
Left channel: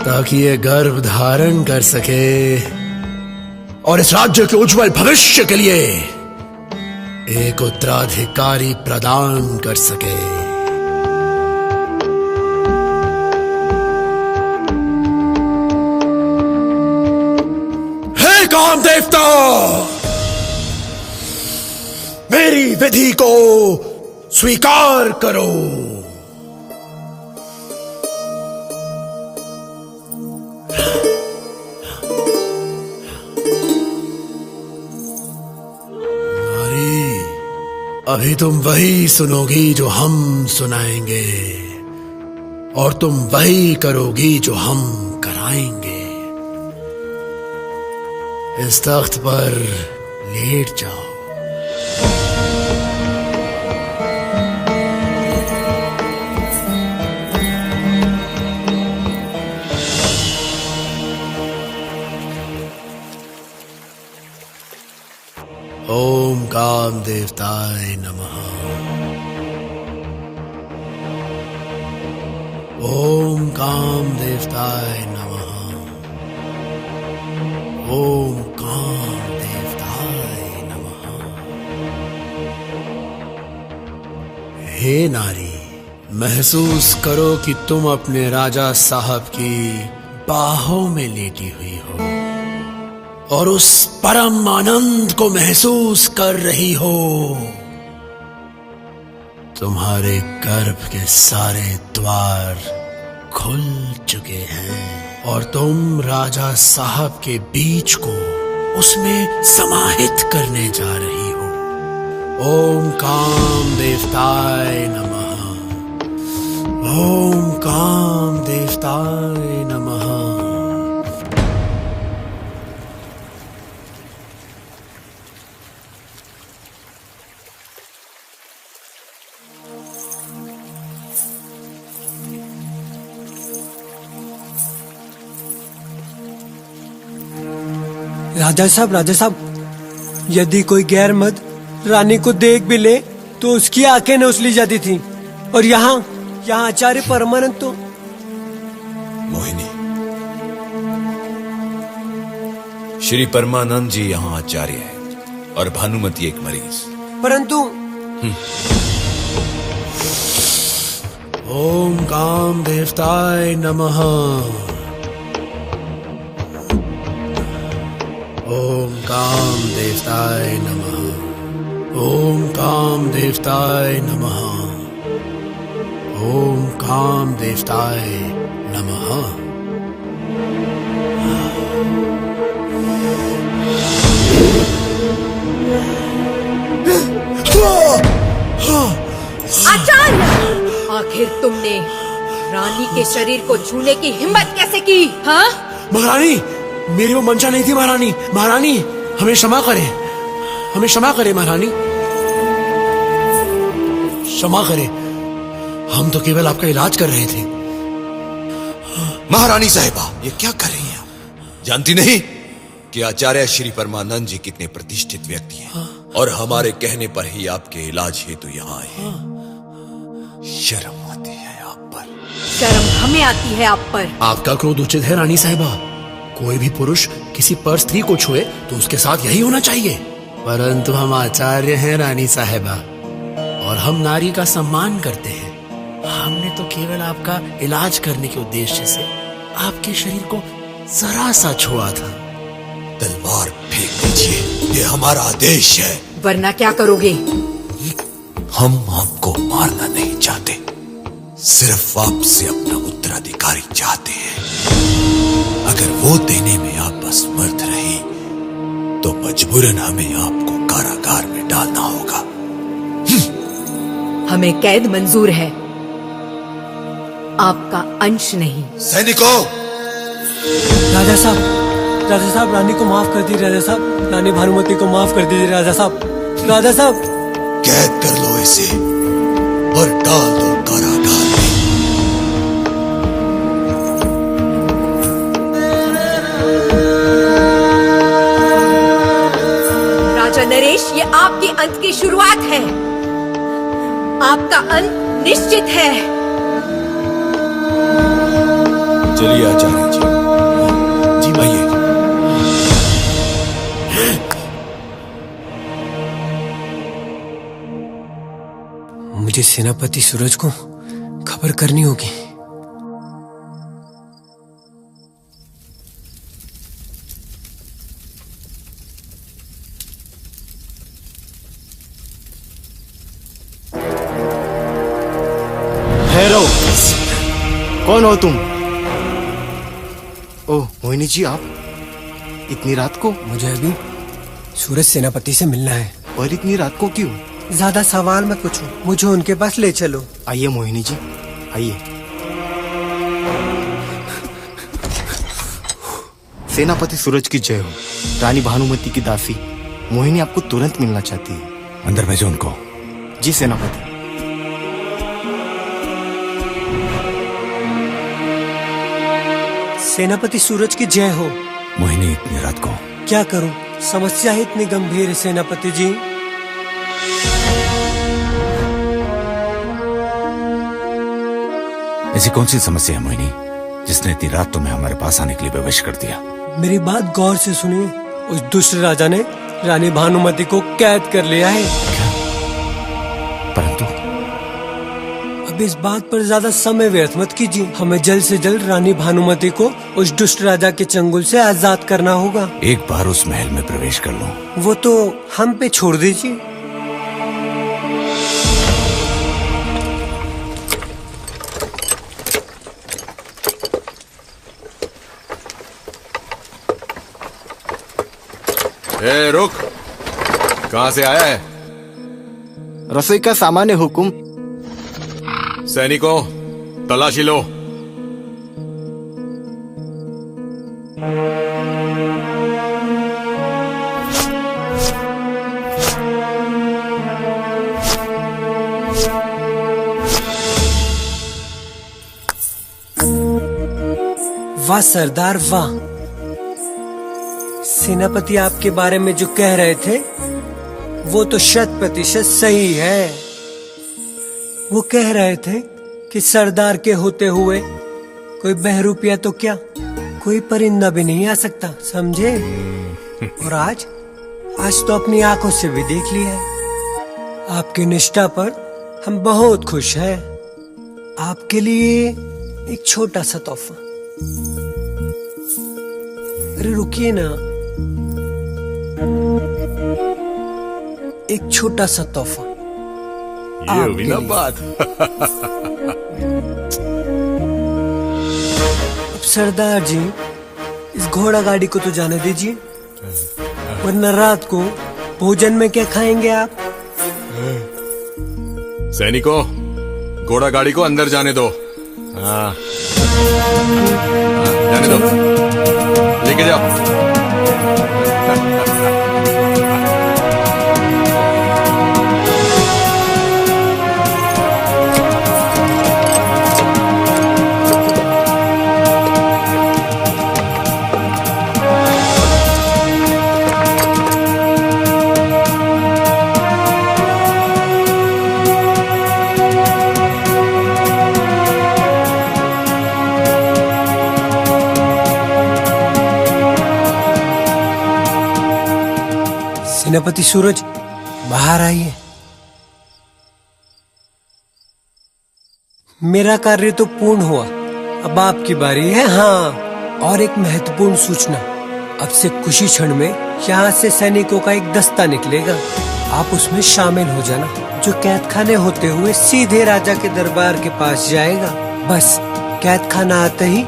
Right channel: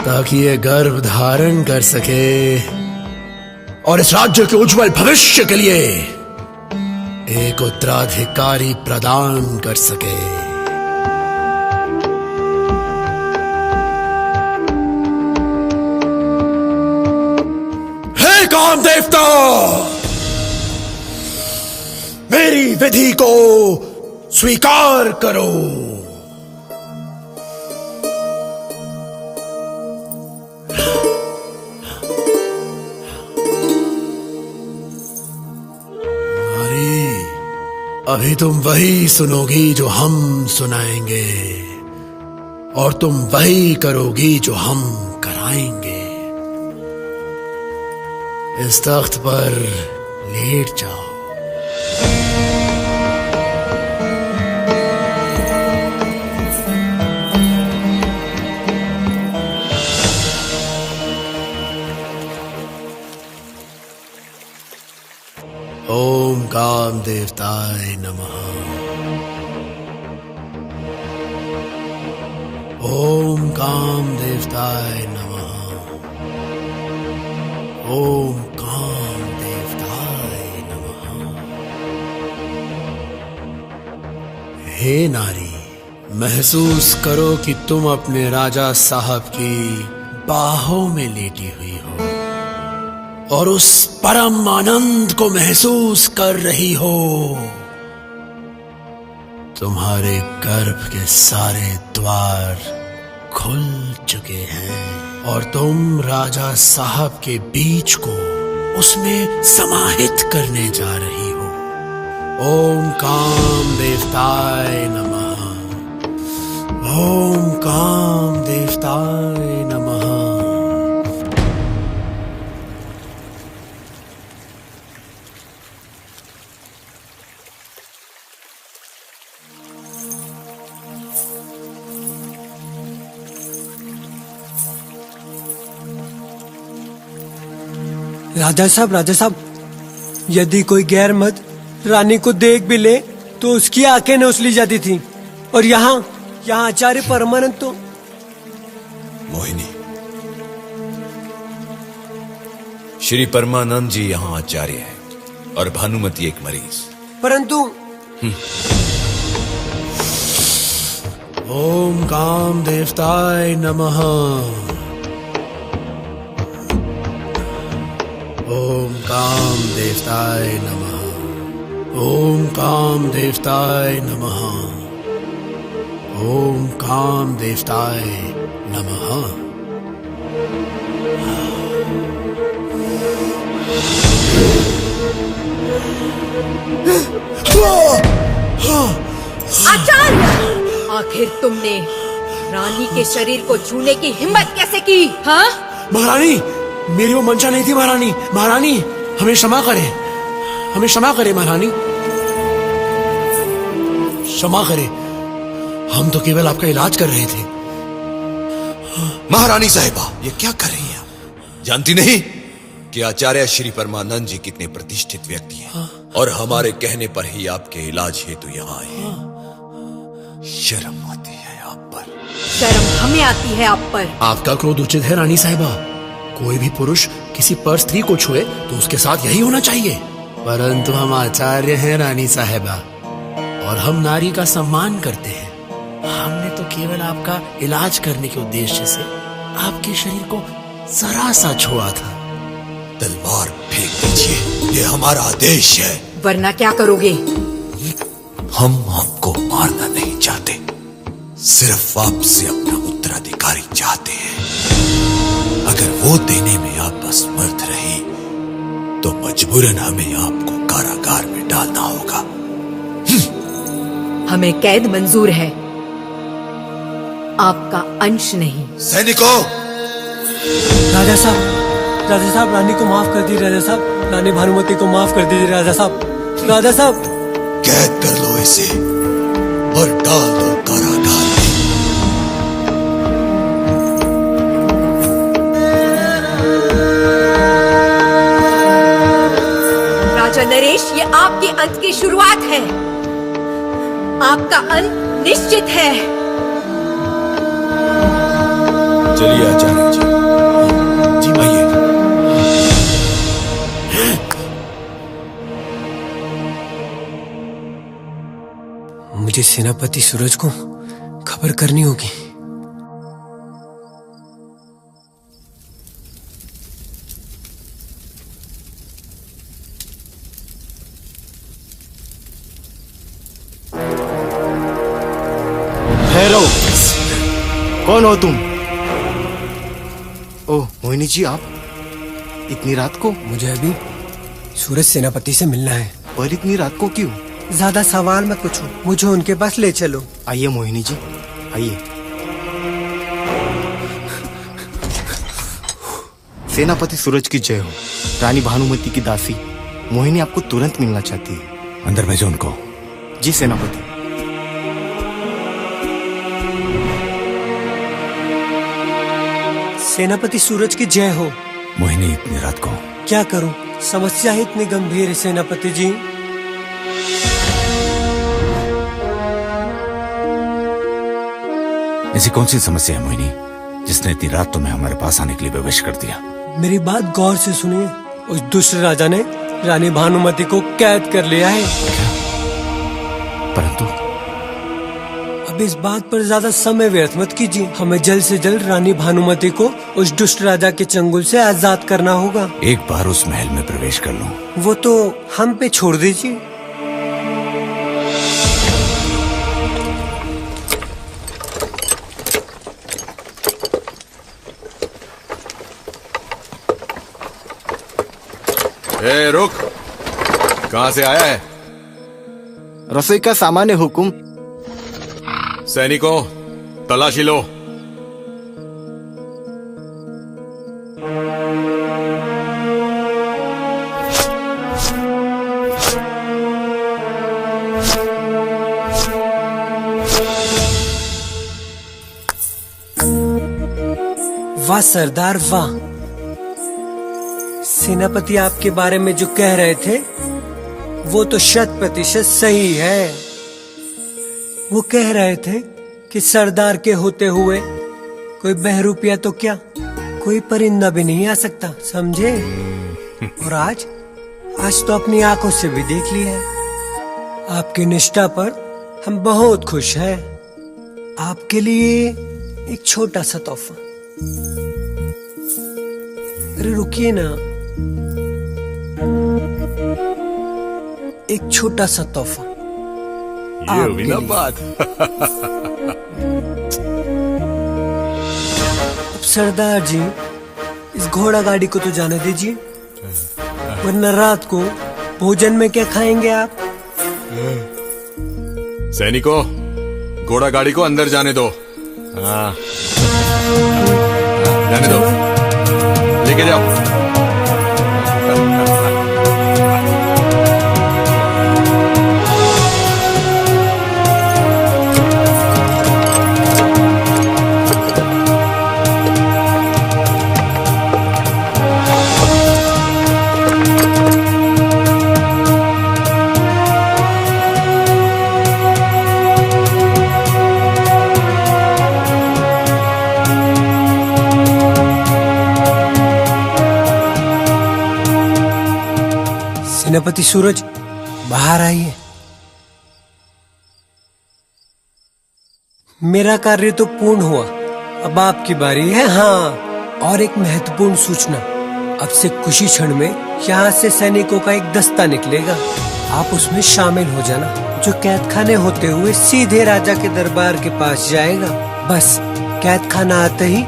ताकि ये गर्भ धारण कर सके और इस राज्य के उज्जवल भविष्य के लिए एक उत्तराधिकारी प्रदान कर सके। हे काम देवता, मेरी विधि को स्वीकार करो। अभी तुम वही सुनोगी जो हम सुनाएंगे और तुम वही करोगी जो हम कराएंगे। इस तख्त पर लेट जाओ। ओम काम देवताय नमः। ओम काम देवताय नमः। ओम काम देवताय नमः। हे नारी, महसूस करो कि तुम अपने राजा साहब की बाहों में लेटी हुई हो और उस परम आनंद को महसूस कर रही हो। तुम्हारे गर्भ के सारे द्वार खुल चुके हैं और तुम राजा साहब के बीज को उसमें समाहित करने जा रही हो। ओम काम देवताय नमः। ओम काम देवताय नमः। राजा साहब, यदि कोई गैर मर्द रानी को देख भी ले तो उसकी आंखें नोच ली जाती थी। और यहाँ आचार्य परमानंद तो। मोहिनी, श्री परमानंद जी यहाँ आचार्य है और भानुमति एक मरीज। परंतु ओम काम देवताय नमः। ओम काम देवताय नमः। ओम काम देवताय नमः। ओम काम देवताय नमः। आचार्य, आखिर तुमने रानी के शरीर को छूने की हिम्मत कैसे की? हाँ? महारानी, मेरी वो मंशा नहीं थी महारानी। महारानी, हमें क्षमा करें, हमें क्षमा करें महारानी, क्षमा करें। हम तो केवल आपका इलाज कर रहे थे। महारानी साहिबा, ये क्या कर रही हैं आप? जानती नहीं कि आचार्य श्री परमानंद जी कितने प्रतिष्ठित व्यक्ति हैं और हमारे कहने पर ही आपके इलाज हेतु यहाँ आए। शर्म आती है आप पर। शर्म हमें आती है आप पर। आपका क्रोध उचित है रानी साहिबा। कोई भी पुरुष किसी पर स्त्री को छुए तो उसके साथ यही होना चाहिए। परंतु हम आचार्य हैं रानी साहिबा, और हम नारी का सम्मान करते हैं। हमने तो केवल आपका इलाज करने के उद्देश्य से आपके शरीर को जरा सा छुआ था। तलवार फेंक दीजिए, ये हमारा आदेश है। वरना क्या करोगे? हम आपको मारना नहीं चाहते, सिर्फ आपसे अपना उत्तराधिकारी चाहते हैं। अगर वो देने में आप असमर्थ रहे तो मजबूरन हमें आपको कारागार में डालना होगा। हमें कैद मंजूर है, आपका अंश नहीं। सैनिकों! राजा साहब, रानी को माफ कर दीजिए। राजा साहब, रानी भानुमति को माफ कर दीजिए। राजा साहब, राजा साहब, कैद कर लो इसे और डाल दो कारागार में। राजा नरेश, ये आपके अंत की शुरुआत है। आपका अंत निश्चित है। चलिए आचार्य जी, आइए। मुझे सेनापति सूरज को खबर करनी होगी। ठहरो, कौन हो तुम? ओह मोहिनी जी, आप इतनी रात को? मुझे अभी सूरज सेनापति से मिलना है। और इतनी रात को क्यों? ज्यादा सवाल मत पूछो, मुझे उनके पास ले चलो। आइए मोहिनी जी, आइए। सेनापति सूरज की जय हो। रानी भानुमति की दासी मोहिनी आपको तुरंत मिलना चाहती है। अंदर भेजो उनको। जी सेनापति। सेनापति सूरज की जय हो। मोहिनी इतनी रात को? क्या करूं, समस्या ही इतनी गंभीर है सेनापति जी। ऐसी कौन सी समस्या है मोहिनी जिसने इतनी रात तुम्हें हमारे पास आने के लिए विवश कर दिया? मेरी बात गौर से सुनिए। उस दुष्ट राजा ने रानी भानुमति को कैद कर लिया है। परंतु अब इस बात पर ज्यादा समय व्यर्थ मत कीजिए। हमें जल्द से जल्द रानी भानुमति को उस दुष्ट राजा के चंगुल से आजाद करना होगा। एक बार उस महल में प्रवेश कर लो। वो तो हम पे छोड़ दीजिए। ए, रुक! कहां से आया है? रसोई का सामान है हुकुम। सैनिकों, तलाशी लो। वाह सरदार वाह। सेनापति आपके बारे में जो कह रहे थे वो तो 100% सही है। वो कह रहे थे कि सरदार के होते हुए कोई बहरूपिया तो क्या, कोई परिंदा भी नहीं आ सकता, समझे? और आज तो अपनी आंखों से भी देख लिया है। आपकी निष्ठा पर हम बहुत खुश हैं। आपके लिए एक छोटा सा तोहफा। अरे रुकिए ना, एक छोटा सा तोहफा। ये हुई ना बात। अब सरदार जी, इस घोड़ा गाड़ी को तो जाने दीजिए, वरना रात को भोजन में क्या खाएंगे आप? सैनिकों, घोड़ा गाड़ी को अंदर जाने दो। हाँ, जाने दो, लेके जाओ। सेनापति सूरज, बाहर आइए। मेरा कार्य तो पूर्ण हुआ, अब आपकी बारी है। हाँ, और एक महत्वपूर्ण सूचना, अब से कुछ ही क्षण में यहाँ से सैनिकों का एक दस्ता निकलेगा, आप उसमें शामिल हो जाना, जो कैद खाने होते हुए सीधे राजा के दरबार के पास जाएगा। बस कैद खाना आते ही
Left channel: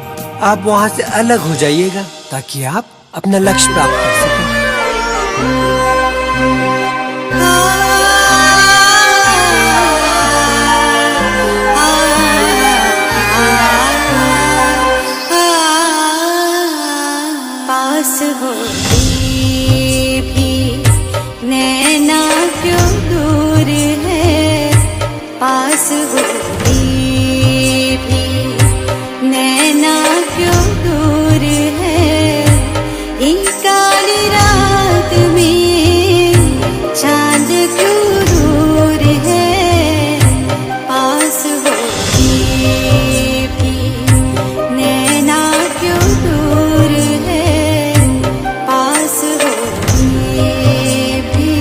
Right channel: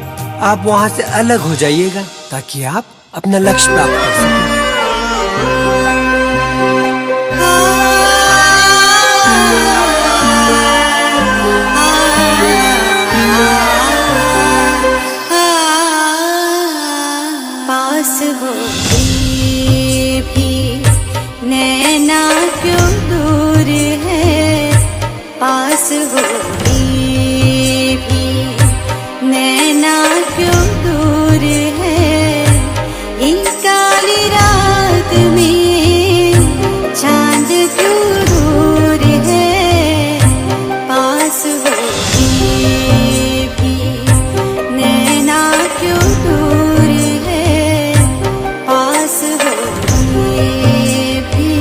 आप वहाँ से अलग हो जाइएगा, ताकि आप अपना लक्ष्य प्राप्त कर सकें। पास होके भी नैना क्यों दूर है, पास होके भी नैना क्यों दूर है, ये काली रात में चांद क्यों दूर है, पास होके भी नैना क्यों दूर है, पास होके भी।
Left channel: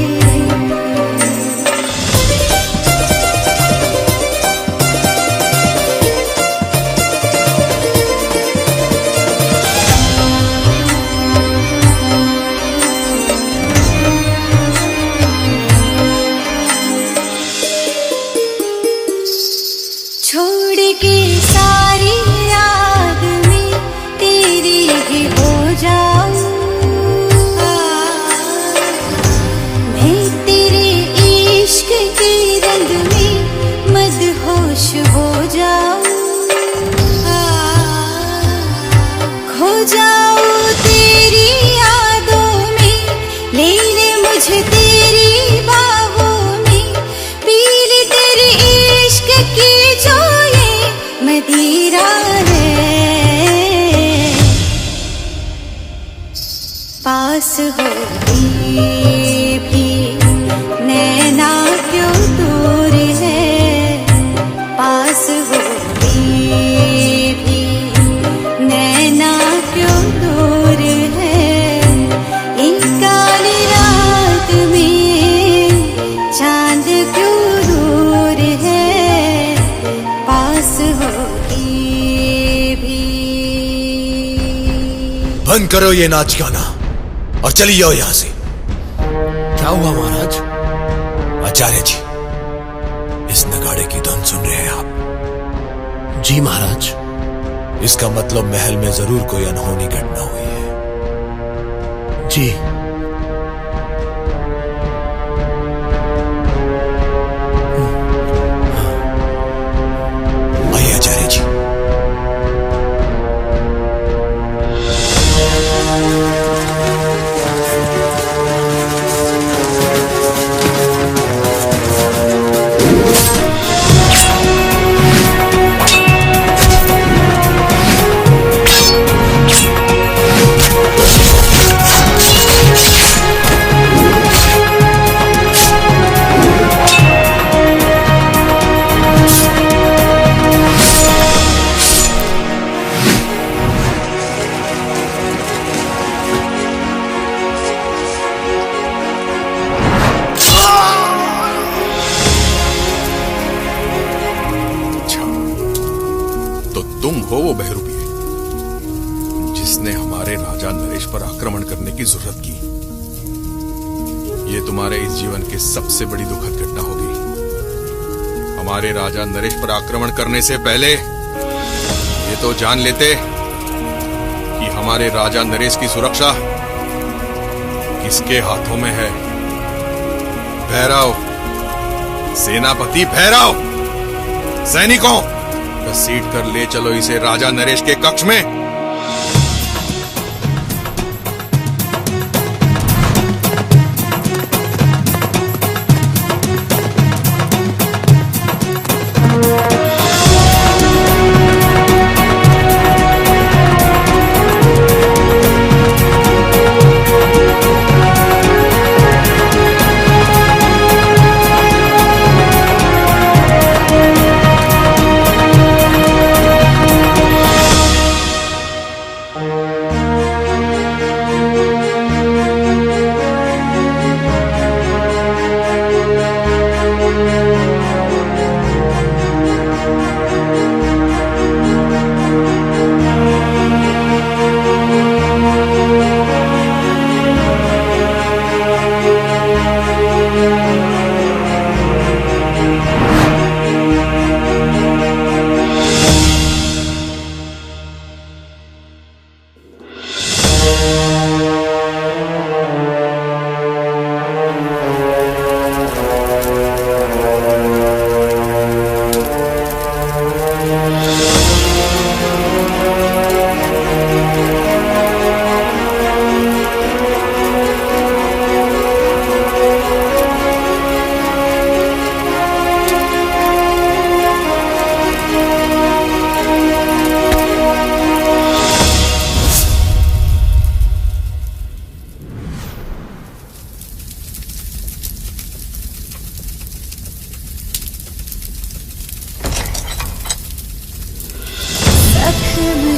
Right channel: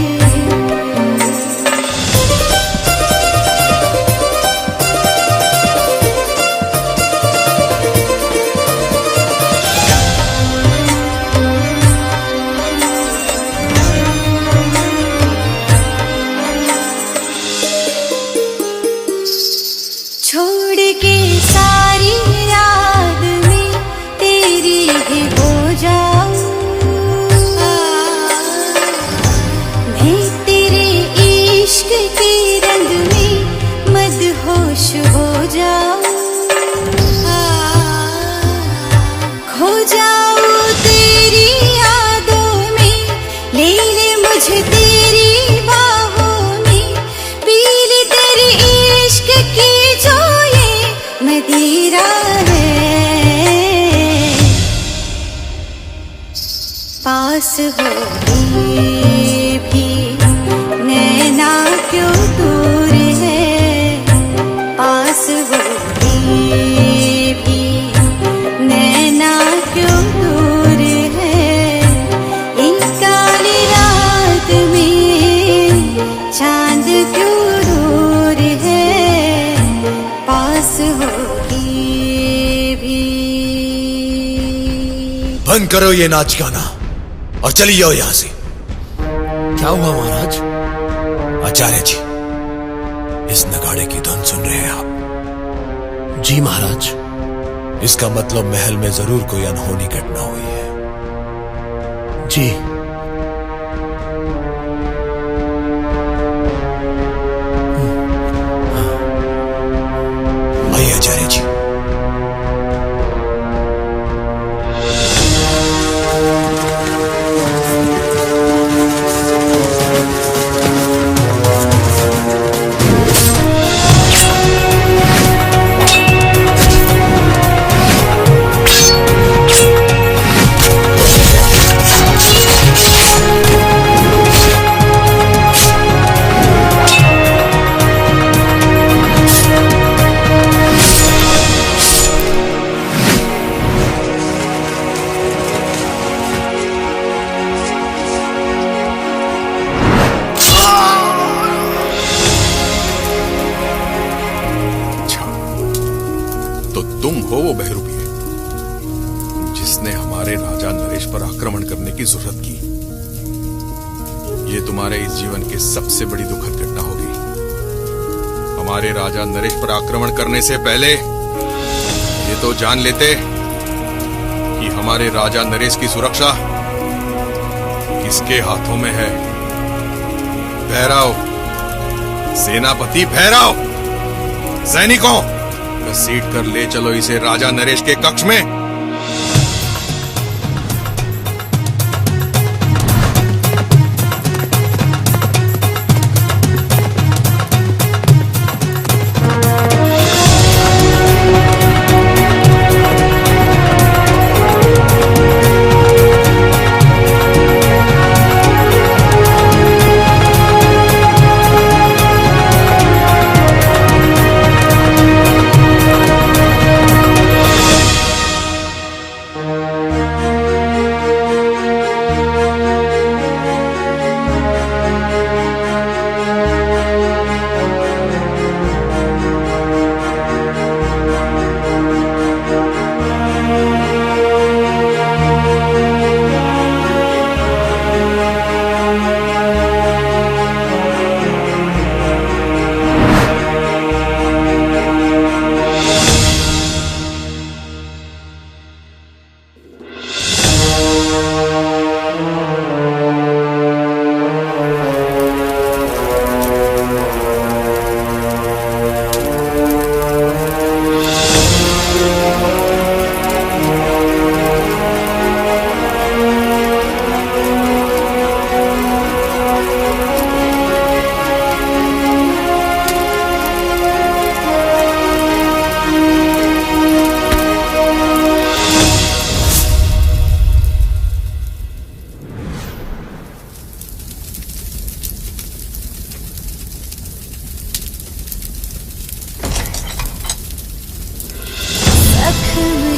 छोड़ के सारी याद में तेरी ही हो जाऊं, मैं तेरे इश्क के रंग में मदहोश हो जाऊं, खो जाऊं तेरी यादों में, ले ले मुझे तेरी बाहों में, पी ले तेरे इश्क की जो ये मदिरा है, पास होके भी नैना क्यों दूर है, पास होके भी नैना क्यों दूर है, इन काली रात में चांद क्यों दूर है, पास होके भी। बंद करो ये नाच गाना और चली जाओ यहाँ से। क्या हुआ महाराज? आचार्य जी, इस नगाड़े की धुन सुन रहे हैं आप? जी महाराज। इसका मतलब महल में जरूर कोई अनहोनी घटना हुई है। जी। आइए आचार्य जी। तुम हो वो बहरूपी जिसने हमारे राजा नरेश पर आक्रमण करने की जरूरत की। ये तुम्हारे इस जीवन की सबसे बड़ी दुखद घटना होगी। हमारे राजा नरेश पर आक्रमण करने से पहले ये तो जान लेते कि हमारे राजा नरेश की सुरक्षा किसके हाथों में है। भैरव, सेनापति भैरव, सैनिकों, घसीट कर ले चलो इसे राजा नरेश के कक्ष में।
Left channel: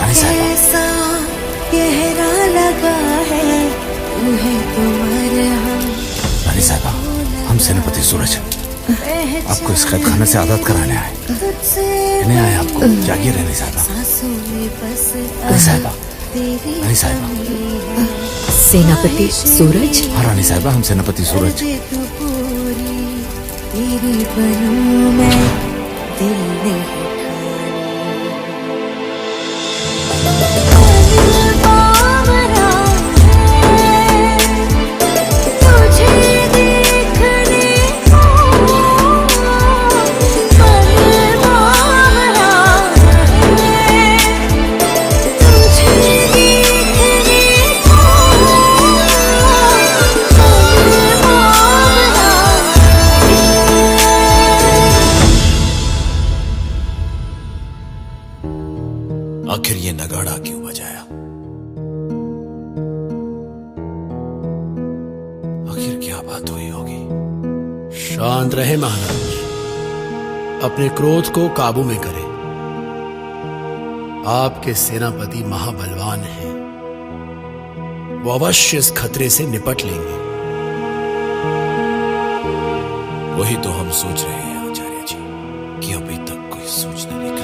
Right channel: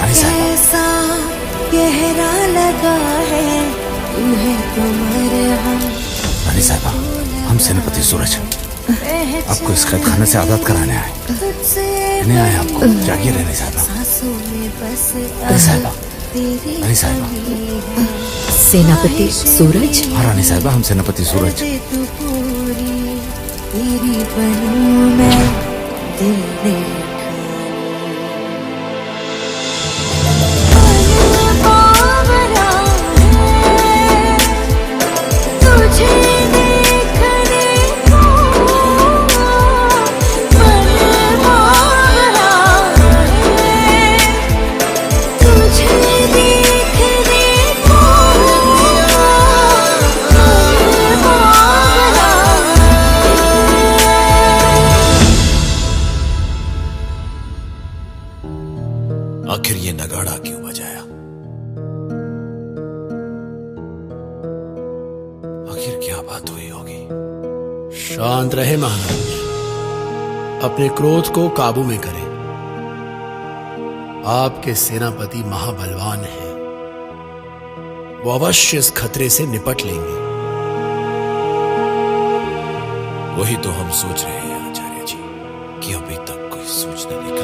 कैसा गहरा लगा है, तू है तो मरहम। हम सेनापति सूरज आपको इस खत करने से आजाद कराना है। तुझसे नहीं आपको जागे रहने साहबा। सांसों में बस अब तेरी कमी है। सेनापति सूरज। रानी साहबा, हम सेनापति सूरज। कर दे तू पूरी, तेरी बनूं मैं दिल ने आखिर ये नगाड़ा क्यों बजाया? आखिर क्या बात हुई होगी? शांत रहे महाराज, अपने क्रोध को काबू में करें। आपके सेनापति महाबलवान हैं, वो अवश्य इस खतरे से निपट लेंगे। वही तो हम सोच रहे हैं आचार्य जी कि अभी तक कोई सूचना नहीं कर।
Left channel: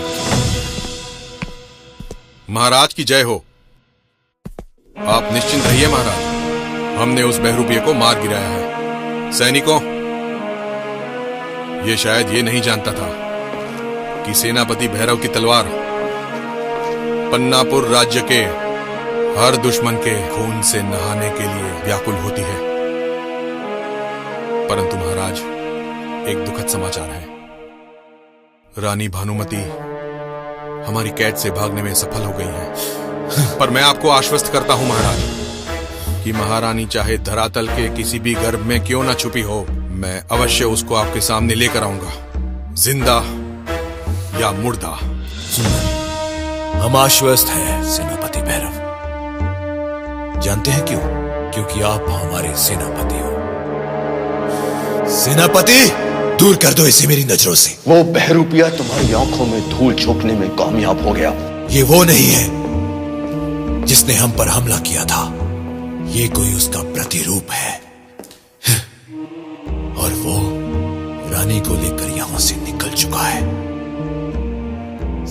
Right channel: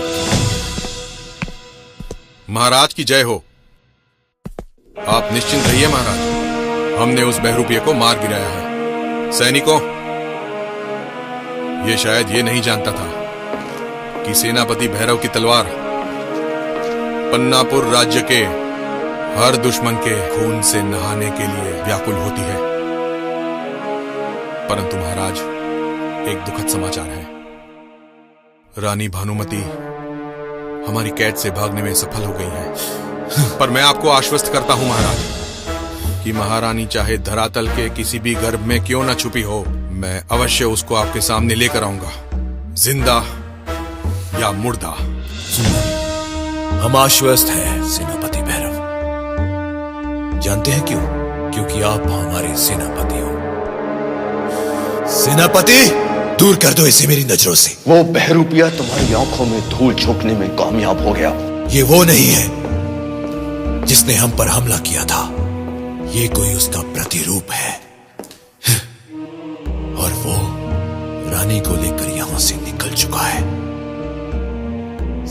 महाराज की जय हो। आप निश्चिंत रहिए महाराज, हमने उस बहरूपिये को मार गिराया है। सैनिकों, ये शायद ये नहीं जानता था कि सेनापति भैरव की तलवार पन्नापुर राज्य के हर दुश्मन के खून से नहाने के लिए व्याकुल होती है। परंतु महाराज, एक दुखद समाचार है। रानी भानुमति हमारी कैद से भागने में सफल हो गई है। पर मैं आपको आश्वस्त करता हूं महाराज कि महारानी चाहे धरातल के किसी भी गर्भ में क्यों ना छुपी हो, मैं अवश्य उसको आपके सामने लेकर आऊंगा, जिंदा या मुर्दा। हम आश्वस्त हैं सेनापति भैरव। जानते हैं क्यों? क्योंकि आप हमारे सेनापति हो। सेनापति, दूर कर दो इसे मेरी नजरों से। वो बहरूपिया तुम्हारी आंखों में धूल झोंकने में कामयाब हो गया। ये वो नहीं है जिसने हम पर हमला किया था, ये कोई उसका प्रतिरूप है। और वो रानी को लेकर यहां से निकल चुका है।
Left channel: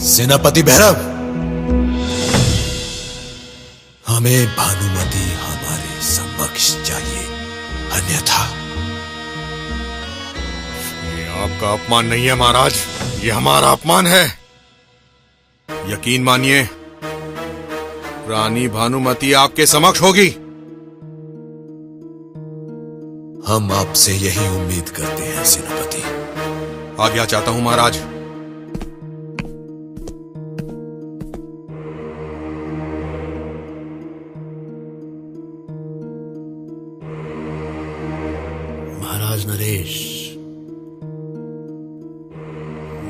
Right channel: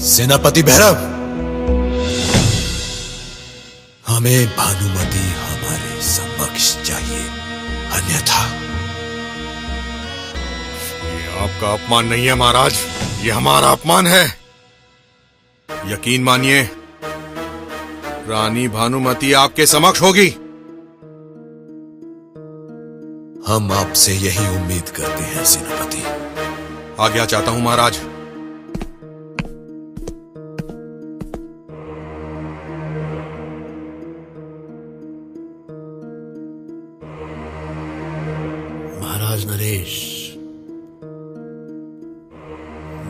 सेनापति भैरव, हमें भानुमति हमारे समक्ष चाहिए, अन्यथा ये आपका अपमान नहीं है महाराज, ये हमारा अपमान है। यकीन मानिए, रानी भानुमति आपके समक्ष होगी। हम आपसे यही उम्मीद करते हैं सेनापति। आज्ञा चाहता हूं महाराज। महाराज नरेश,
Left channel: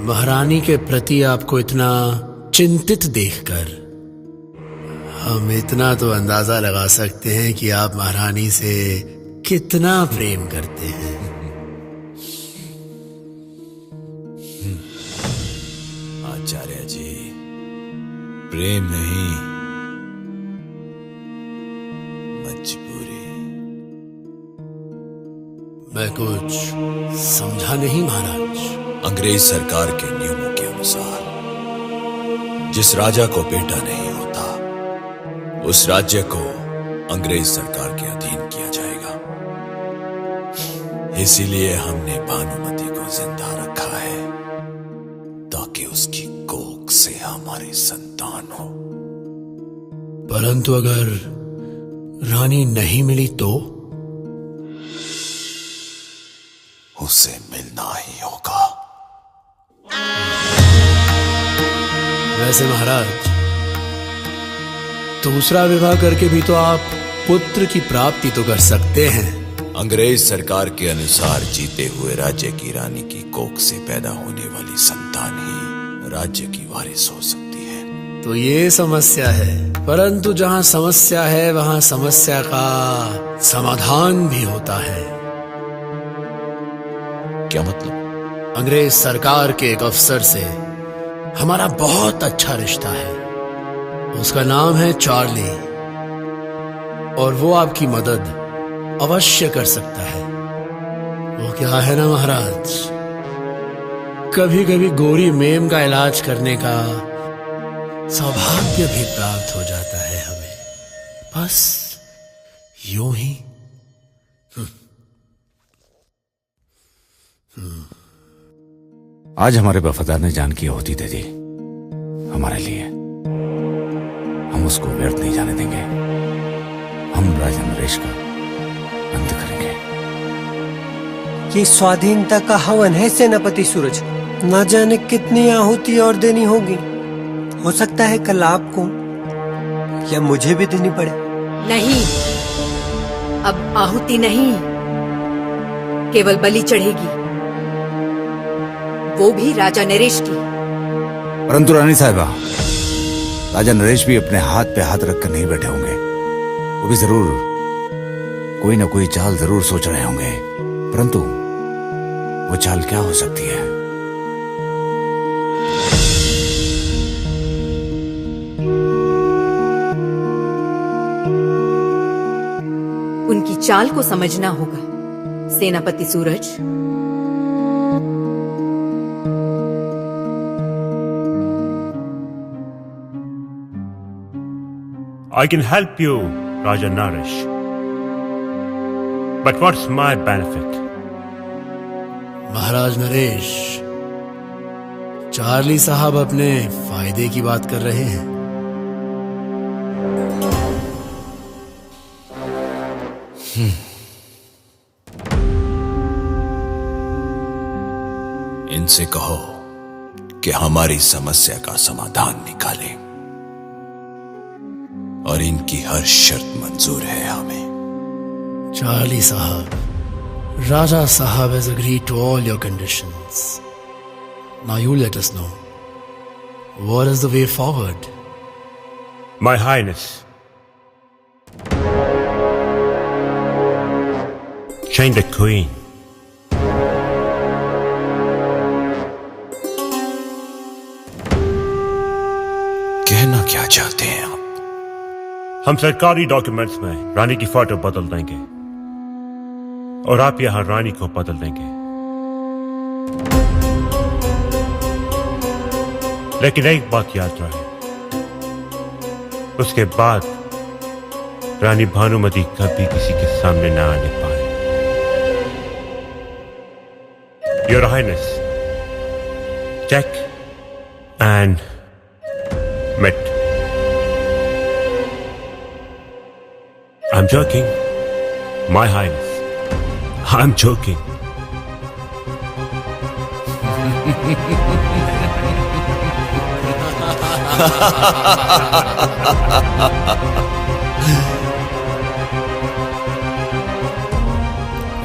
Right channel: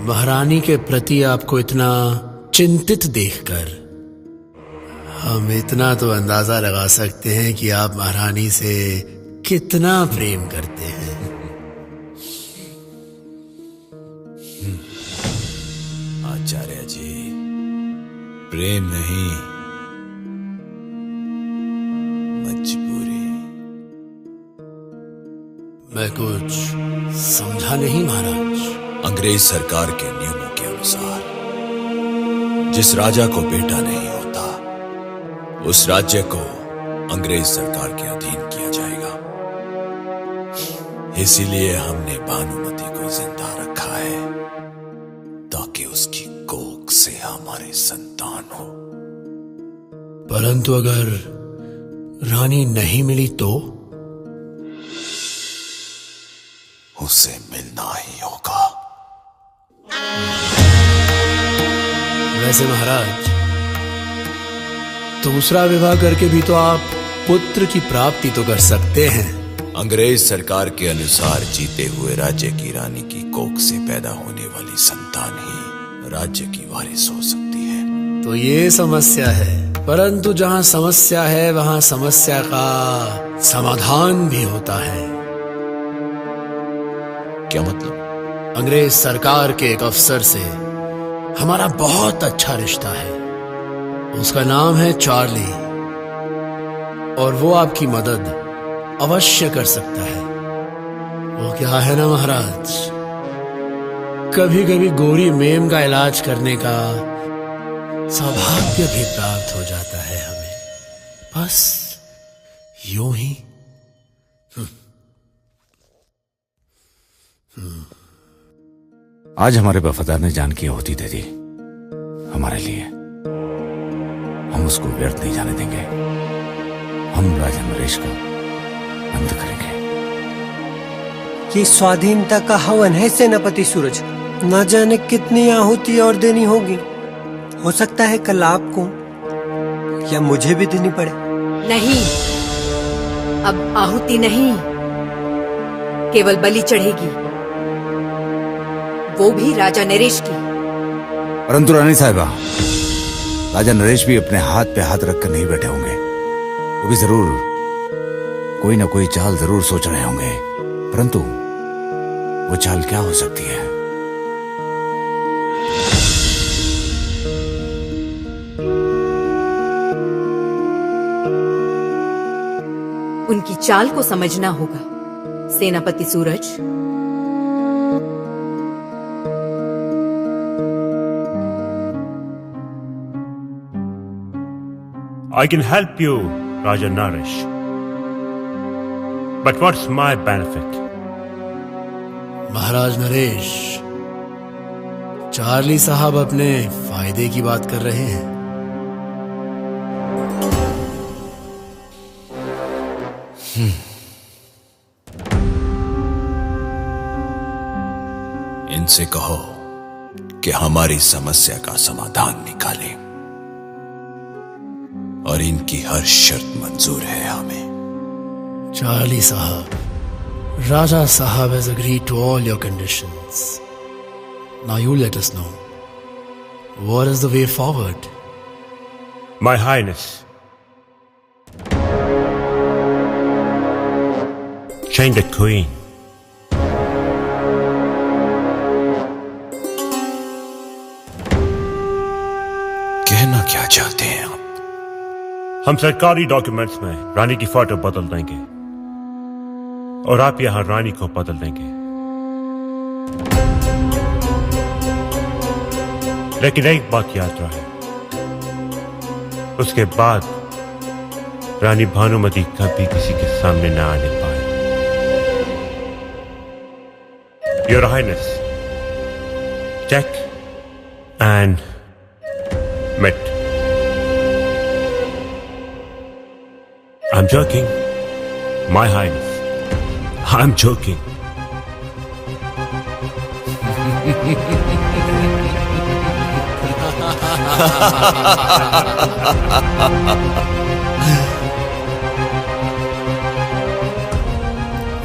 महारानी के प्रति आपको इतना चिंतित देखकर हम इतना तो अंदाजा लगा सकते हैं कि आप महारानी से कितना प्रेम करते हैं। आचार्य जी, प्रेम नहीं, मजबूरी। मैं कुछ समझा नहीं महाराज। अंग्रेज सरकार के नियमों के अनुसार जिस राजा को बेटा नहीं होता, उस राज्य को अंग्रेज सरकार के अधीन किया जाएगा। इसीलिए हमने भानुमति को जिंदा रखा है, ताकि उसकी कोख से हमारी संतान हो। परंतु अगर रानी नहीं मिली तो? उसे मिलना ही होगा। वैसे महाराज, दूसरा विवाह करके भी तो आप पुत्र की प्राप्ति तो कर सकते हैं। अंग्रेज सरकार के अनुसार जीते हुए राज्य की रानी की कोख से पैदा होने वाली संतान ही राज्य की वारिस हो सकती है। तो ये समस्या है, परंतु जहाँ समस्या है वहाँ समस्या का समाधान भी होता है। क्या मतलब? अंग्रेज सरकार के एक अफसर से हमारा बहुत अच्छा रिश्ता है। उसका नाम है चार्ली, और वो आपकी मदद अवश्य कर सकता है। वो क्या है ना महाराज, कभी कभी गोरी मेम का इलाज करने का सौभाग्य भी प्राप्त हो जाता है हमें, बस यूं ही। आज हमारे वफादार ने जान की आहुति दे दी हमारे लिए। हम उसको व्यर्थ नहीं जाने देंगे। हम राजा नरेश का अंत करेंगे। ये स्वाधीनता का हवन है सेनापति सूरज। न जाने कितनी आहुति और देनी होगी। हो सकता है कल आपको या मुझे भी देनी पड़े। नहीं, अब आहुति नहीं, केवल बलि चढ़ेगी, वो भी राजा नरेश की। परंतु रानी साहिबा, राजा नरेश भी अपने हाथ पे हाथ रखकर नहीं बैठे होंगे। वो भी जरूर कोई ना कोई चाल जरूर सोच रहे होंगे, परंतु वो चाल क्या हो सकती है? उनकी चाल को समझना होगा सेनापति सूरज। I can help you, Raja Naresh. But what's my benefit? Maharaj Naresh, Charlie साहब अपने फायदे की बात कर रहे हैं। इनसे कहो कि हमारी समस्या का समाधान निकालें, और इनकी हर शर्त मंजूर है हमें। चार्ली साहब, Raja Sahab has agreed to all your conditions. Now you let us know, what is the way forward? My Highness, change the Queen. कहना क्या चाहते हैं आप? हम सरकारी डॉक्यूमेंट्स में रानी की फोटो बदल देंगे और आप यहां रानी को बदल देंगे, लेकिन एक बात याद रहे, उसके बाद रानी भानुमति कभी किसी के सामने न आने पाए। Your Highness, check and met. I'm joking. My Highness, I'm joking.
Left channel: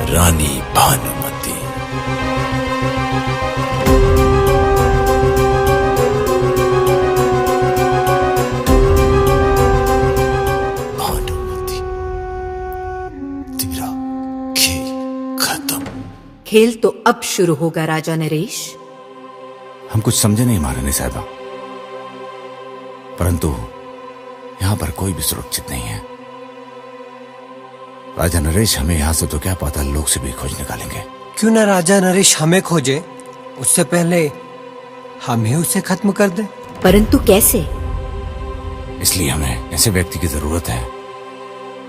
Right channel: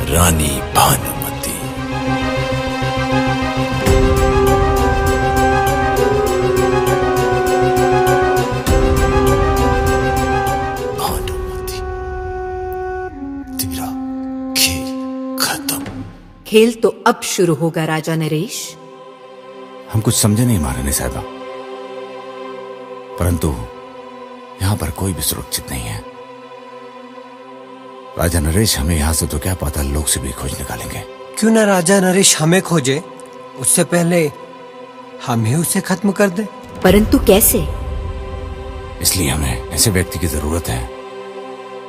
रानी भानुमती। भानुमती, तेरा खेल खत्म। खेल तो अब शुरू होगा राजा नरेश। हम कुछ समझे नहीं महारानी साहबा, परंतु यहाँ पर कोई भी सुरक्षित नहीं है। राजा नरेश हमें यहाँ से तो क्या पाताल लोक से भी खोज निकालेंगे। क्यों ना राजा नरेश हमें खोजे, उससे पहले हम ही उसे खत्म कर दें। परंतु कैसे? इसलिए हमें ऐसे व्यक्ति की जरूरत है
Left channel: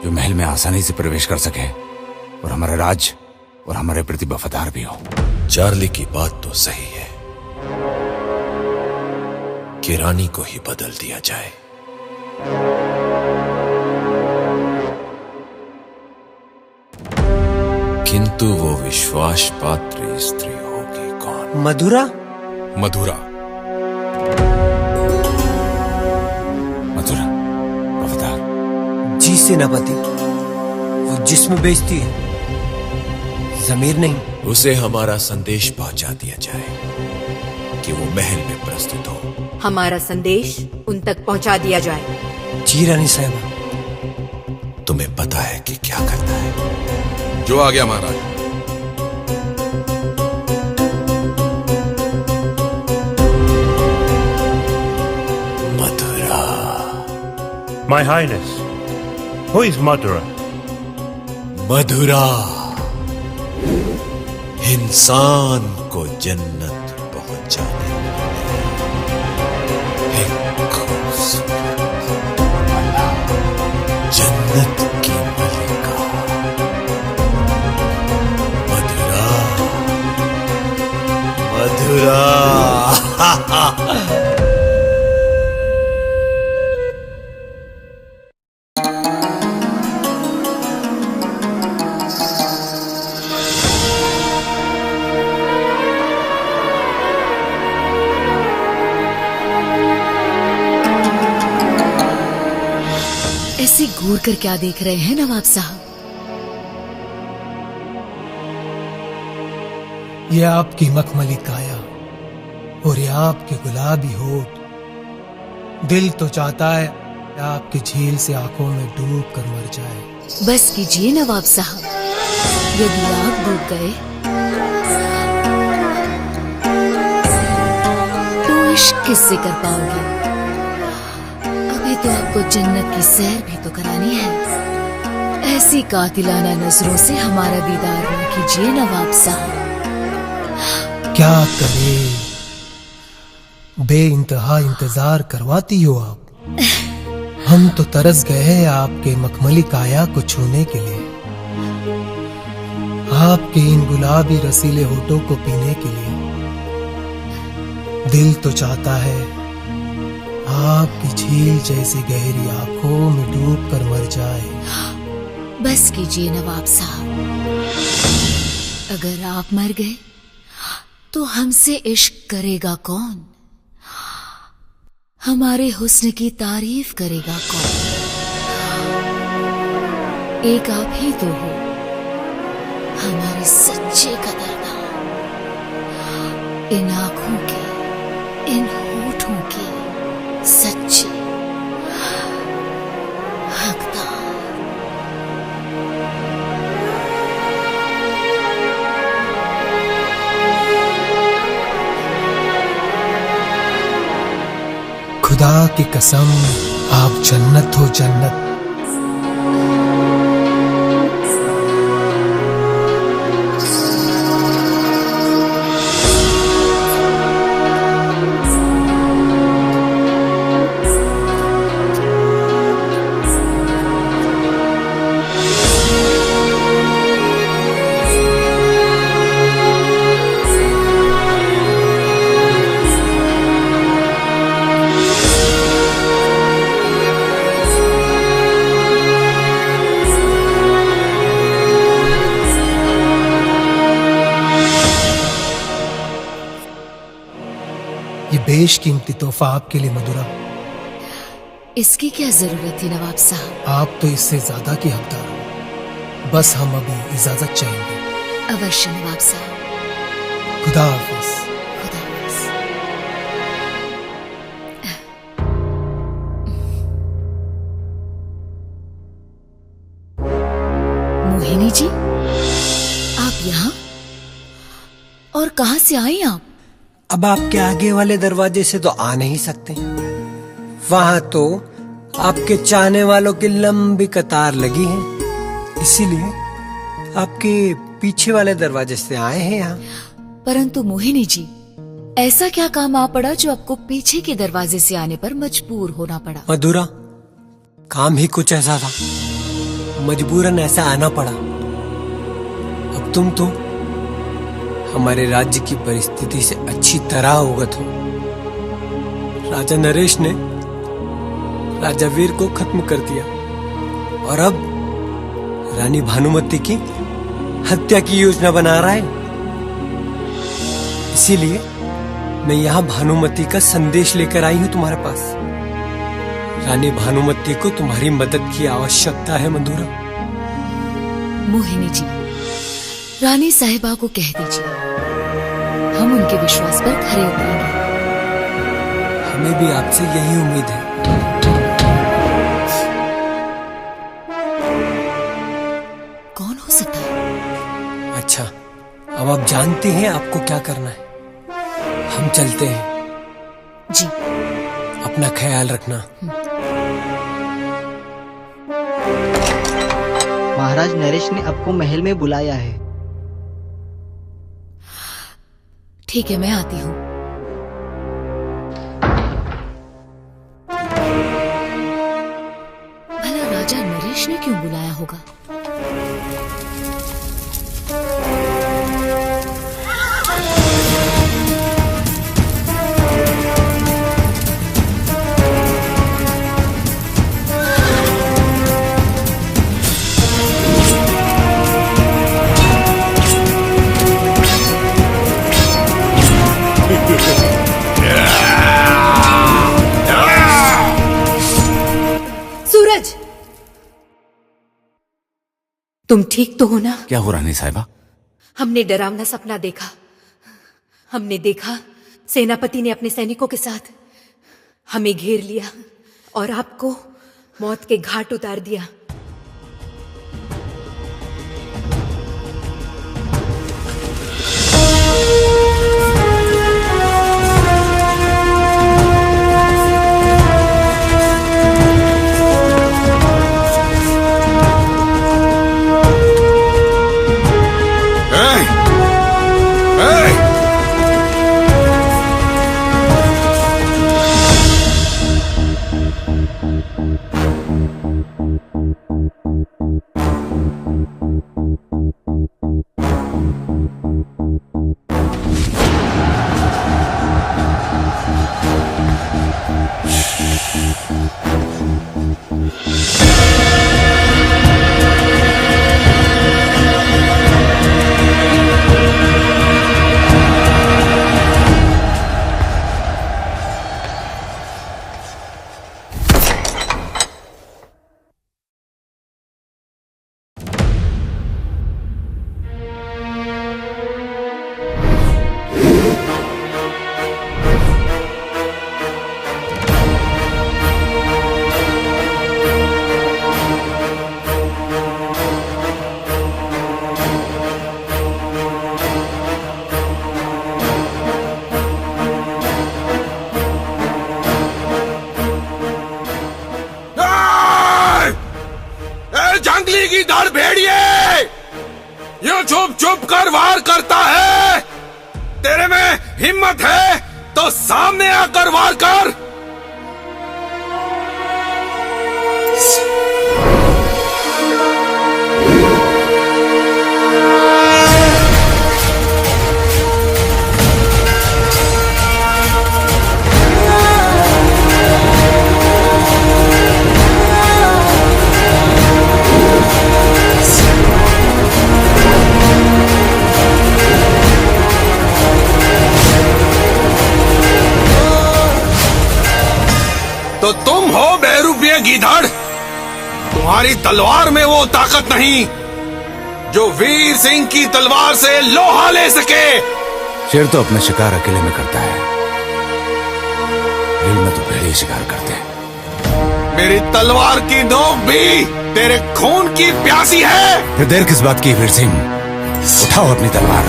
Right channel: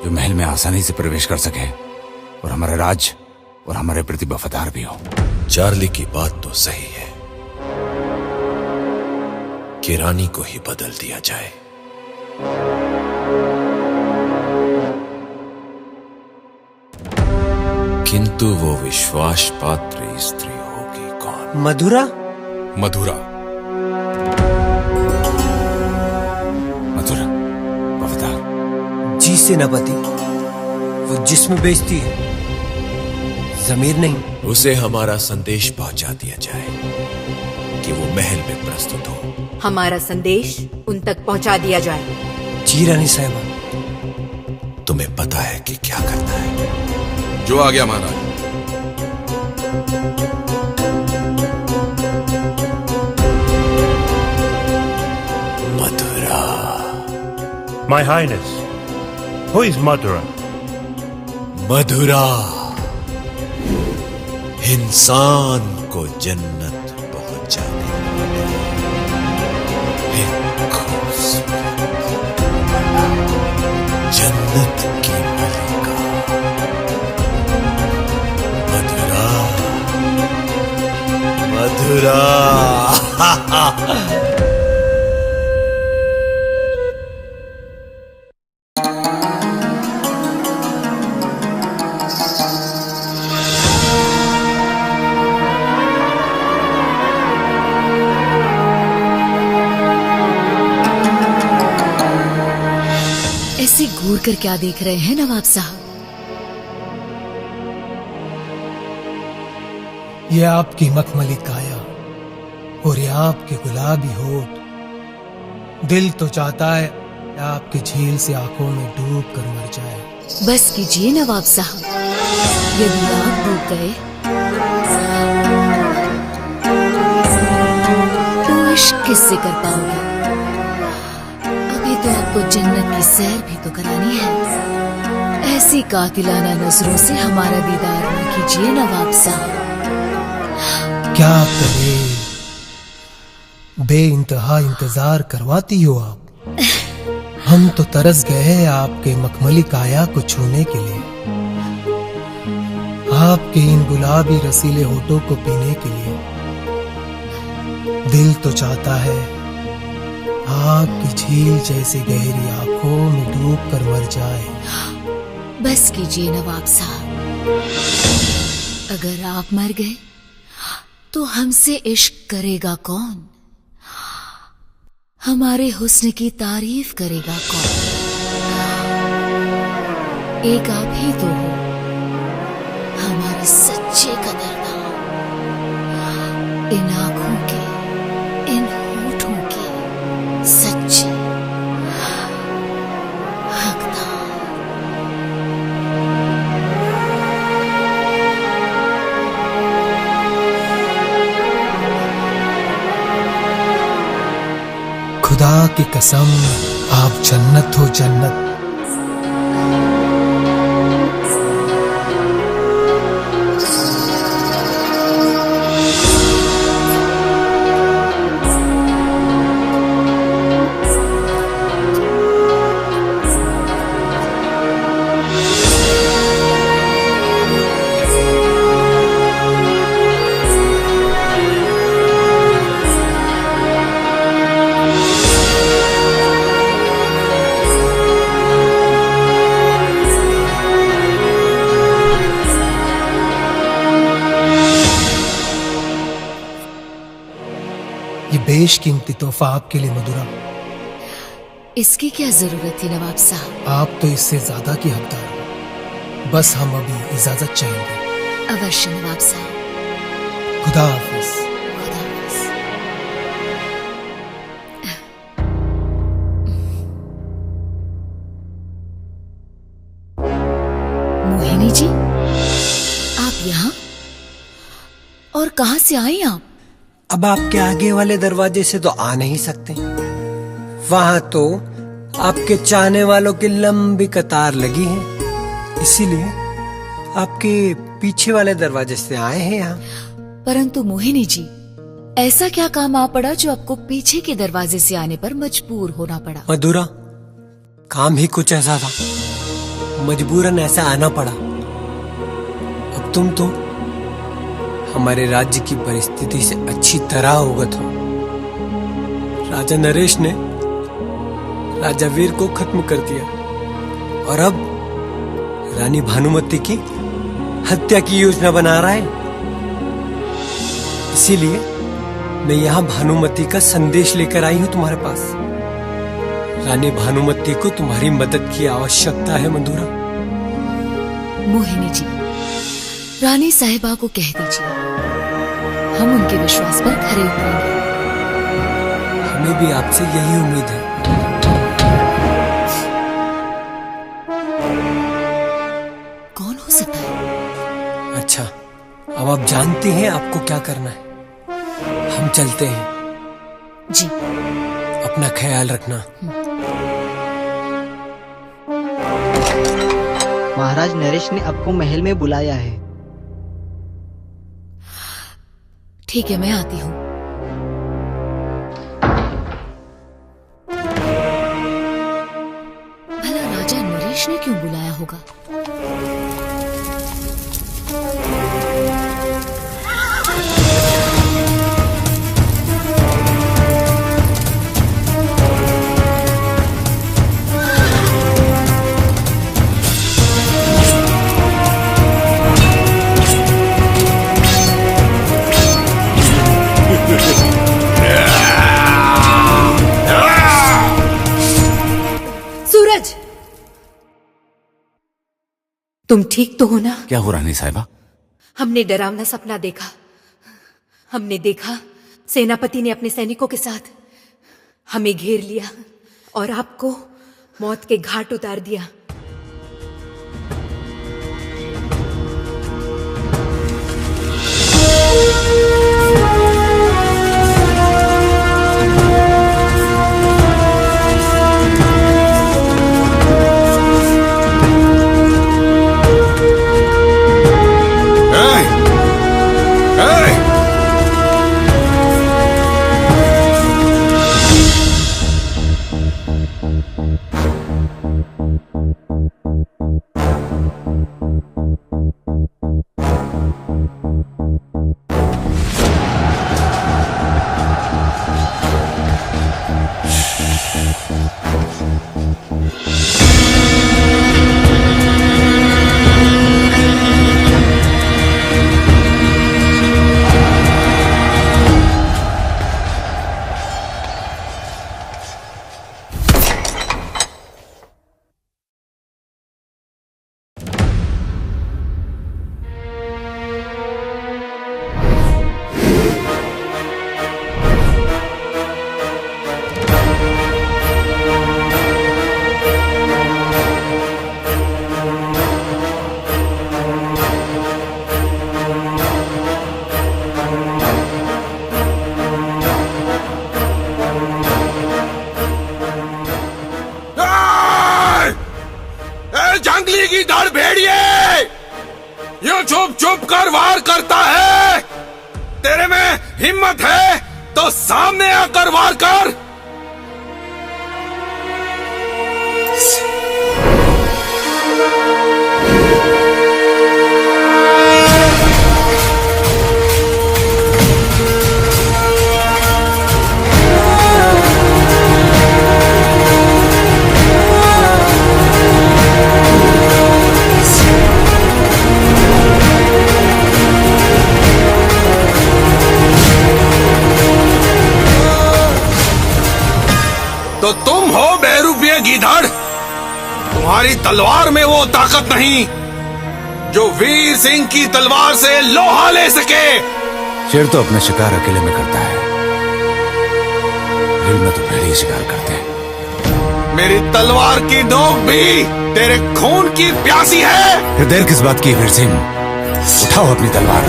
जो महल में आसानी से प्रवेश कर सके और हमारा राज और हमारे प्रति वफादार भी हो। चार्ली की बात तो सही है कि रानी को ही बदल दिया जाए। किंतु वो विश्वास पात्र स्त्री होगी कौन? मधुरा। मधुरा, मधुरा वफादार, जी सेनापति, वो जिस्म बेचती है, जमीर नहीं। उसे हमारा संदेश पहुंचा दिया जाए कि वो महल में प्रस्तुत हो। हमारा संदेश उन तक पहुंचा दिया जाए। जी रानी साहबा। तुम्हें पता है कि क्या करना है। जो आ गया महाराज। मधुरा। My Highness, who is Madhura? मधुरा इंसान को जन्नत पहुंचाने जन्नत की मलिका मधुरा। मधुरा ऐसे घूर कर क्या देख रहे हैं नवाब साहब? ये आपकी मखमली काया और ये आपके गुलाबी होठ, दिल तो चाहता है आपकी झील से आंखों में डूब कर मर जाए। बस कीजिए नवाब साहब, यदि आप डूब गए तो इश्क किससे कर पाओगे? अभी तो आपको जन्नत की सैर भी तो करानी है। ऐसी कातिलाना नजरों से हमारा दीदार न कीजिए नवाब साहब। क्या करे, बेइंतहा इंतजार करवाती हो आप। हम तो तरस गए हैं आपके मखमली काया को छूने के लिए, आपके इन गुलाबी रसीले होठों को पीने के लिए। दिल तो चाहता है आपकी झील जैसी गहरी आंखों में डूब कर मर जाए। बस कीजिए नवाब साहब, अगर आप मर गए तो हमसे इश्क करेगा कौन? हमारे हुस्न की तारीफ करेगा कौन? एक आप ही तो हो हमारे सच्चे कदरदान, इन आंखों के, इन होठों के सच्चे हकदार। खुदा की कसम, आप जन्नत हो जन्नत। ये बेशकीमती तोहफा आपके लिए मधुरा। इसकी क्या जरूरत थी नवाब साहब? आप तो इससे ज्यादा की हकदार हो। बस हम अभी इजाजत चाहेंगे। अवश्य नवाब साहब। खुदा हाफिज। खुदा हाफिज। मोहिनी जी, आप यहाँ? और कहाँ से आई आप? अब आपके आगे वाले दरवाजे से तो आ नहीं सकते। वहां तो आपके चाहने वालों की लंबी कतार लगी है, इसीलिए आपके पीछे वाले दरवाजे से आए हैं यहाँ। परंतु मोहिनी जी, ऐसा क्या काम आ पड़ा जो आपको पीछे के दरवाजे से आने पर मजबूर होना पड़ा? मधुरा, काम ही कुछ ऐसा था, मजबूरन ऐसा आना पड़ा। अब तुम तो हमारे राज्य की परिस्थिति से अच्छी तरह अवगत हो। राजा नरेश ने राजा वीर को खत्म कर दिया और अब रानी भानुमति की हत्या की योजना बना रहा है। इसीलिए मैं यहाँ भानुमति का संदेश लेकर आई हूँ तुम्हारे पास। रानी भानुमति को तुम्हारी मदद की आवश्यकता है मधुरा। मोहिनी जी, रानी साहिबा को कह दीजिए, हम उनके विश्वास पर खरे उतरेंगे। हमें भी आपसे यही उम्मीद है। कौन हो सकता है? अच्छा, अब आप जानते हैं आपको क्या करना है। हम चलते हैं। जी। अपना ख्याल रखना। महाराज नरेश ने आपको महल में बुलाया है। ठीक है, मैं आती हूँ। भला राजा नरेश ने क्यों बुलाया होगा? सूरज, तुम ठीक तो हो ना? क्या हो रानी साहिबा? हमने डरावना सपना देखा। हमने देखा सेनापति ने अपने सैनिकों के साथ हमें घेर लिया और आपको मौत के घाट उतार दिया। जंगली की धड़ भेड़िए, यूं चुप चुप कर वार करता है। तेरे में हिम्मत है तो सामने आकर वार कर। तो तुम हो बहरूपिया गीधड़। तुम्हारी तलवार में वो ताकत नहीं जो वीर सिंह की तलवार से लोहा ले सके। शेर तो अपना शिकार अकेले में करता है, भीड़ में तो पहले ही शिकार करते हैं। मेरी तलवार की नोक भी तेरे खून की प्यासी है। फिर देर किस बात की वीर सिंह, उठाओ अपनी तलवार।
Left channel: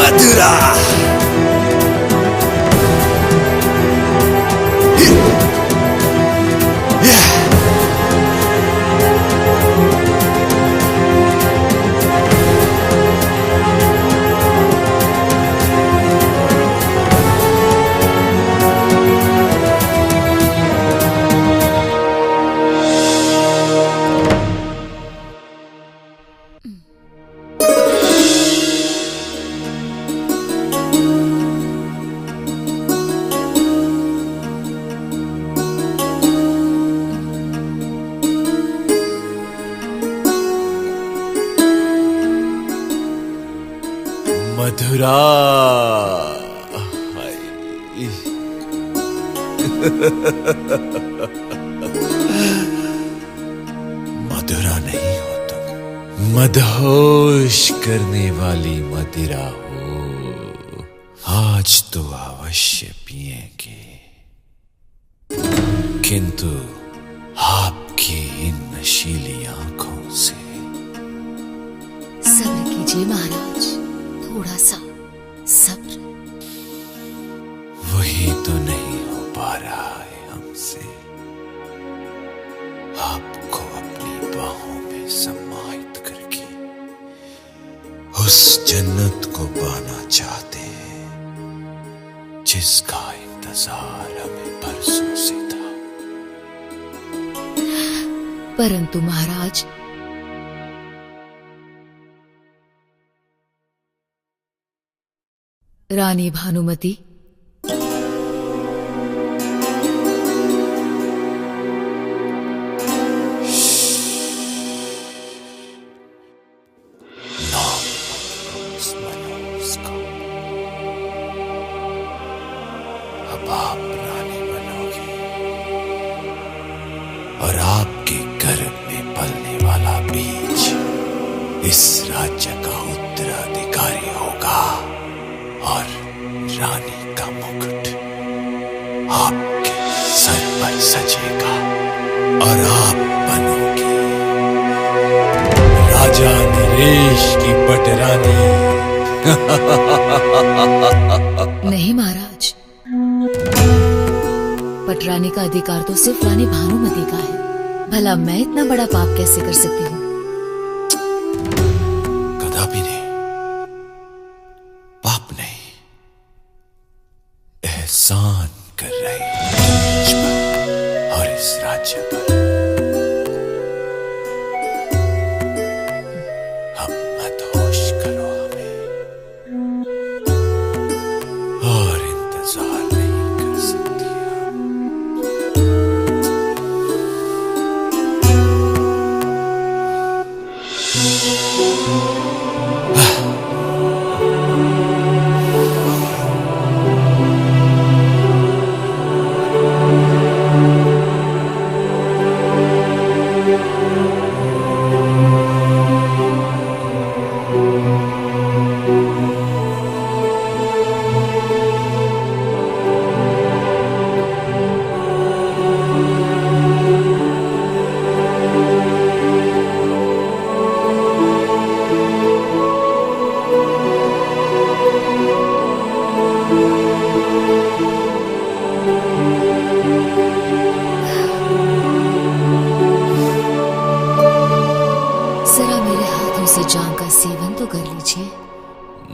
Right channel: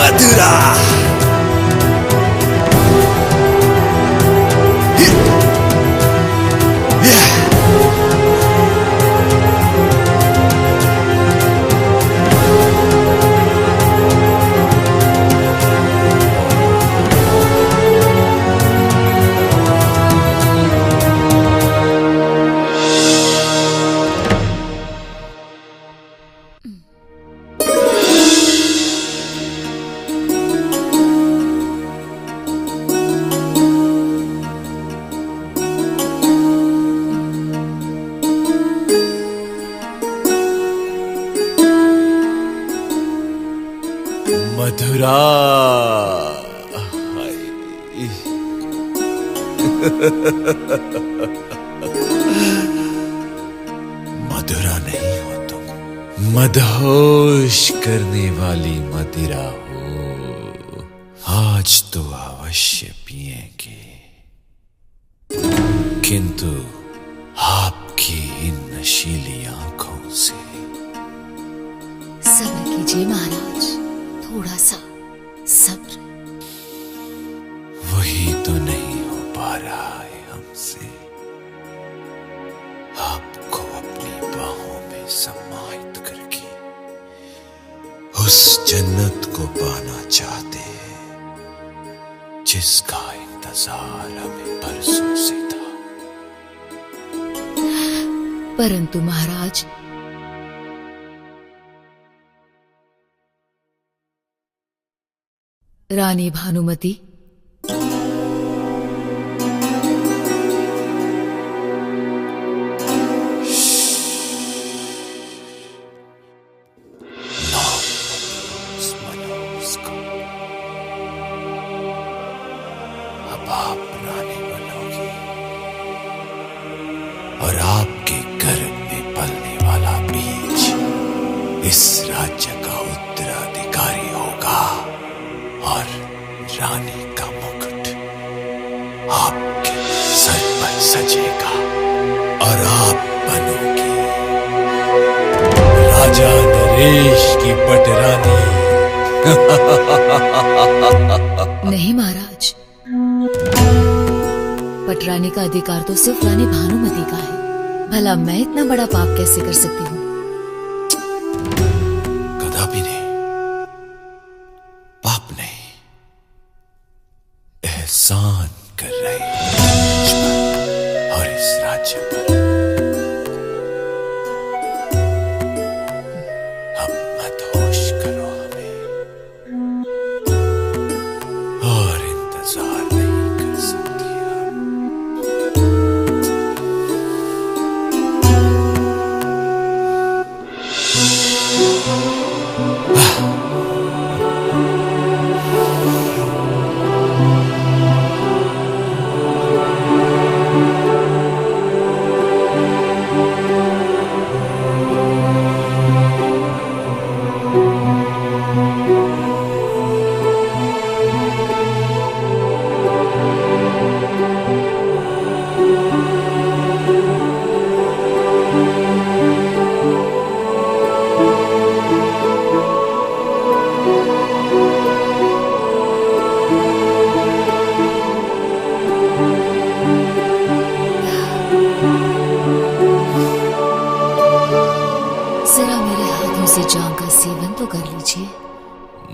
मथुरा। मथुरा। मधुरा नहीं हो तुम, मदहोश करने वाली मदिरा हो। आज तो अवश्य पिएंगे, किंतु आपकी इन नशीली आंखों से। सब्र कीजिए महाराज, थोड़ा सा सब्र। वही तो नहीं हो पा रहा है हमसे। आपको अपनी बाहों में समाहित करके उस जन्नत को पाना चाहते हैं जिसका इंतजार हमें बरसों से था। परंतु महाराज, रानी भानुमति अब आप रानी बनोगे और आपके गर्भ में पलने वाला बीज इस राज्य का उत्तराधिकारी होगा और रानी का मुकुट आपके सर पर सजेगा और आप बनोगे राजा नरेश की पटरानी। नहीं महाराज, पटरानी का अधिकार तो सिर्फ रानी भानुमति का है। भला मैं इतना बड़ा पाप कैसे कर सकती हूँ? कदापि नहीं, पाप नहीं, एहसान कर रही है और इस राज्य पर अब मत होश करो हमें और इंतजार नहीं कर सकती जरा मेरे हाथों से जाम का सेवन तो कर लीजिए।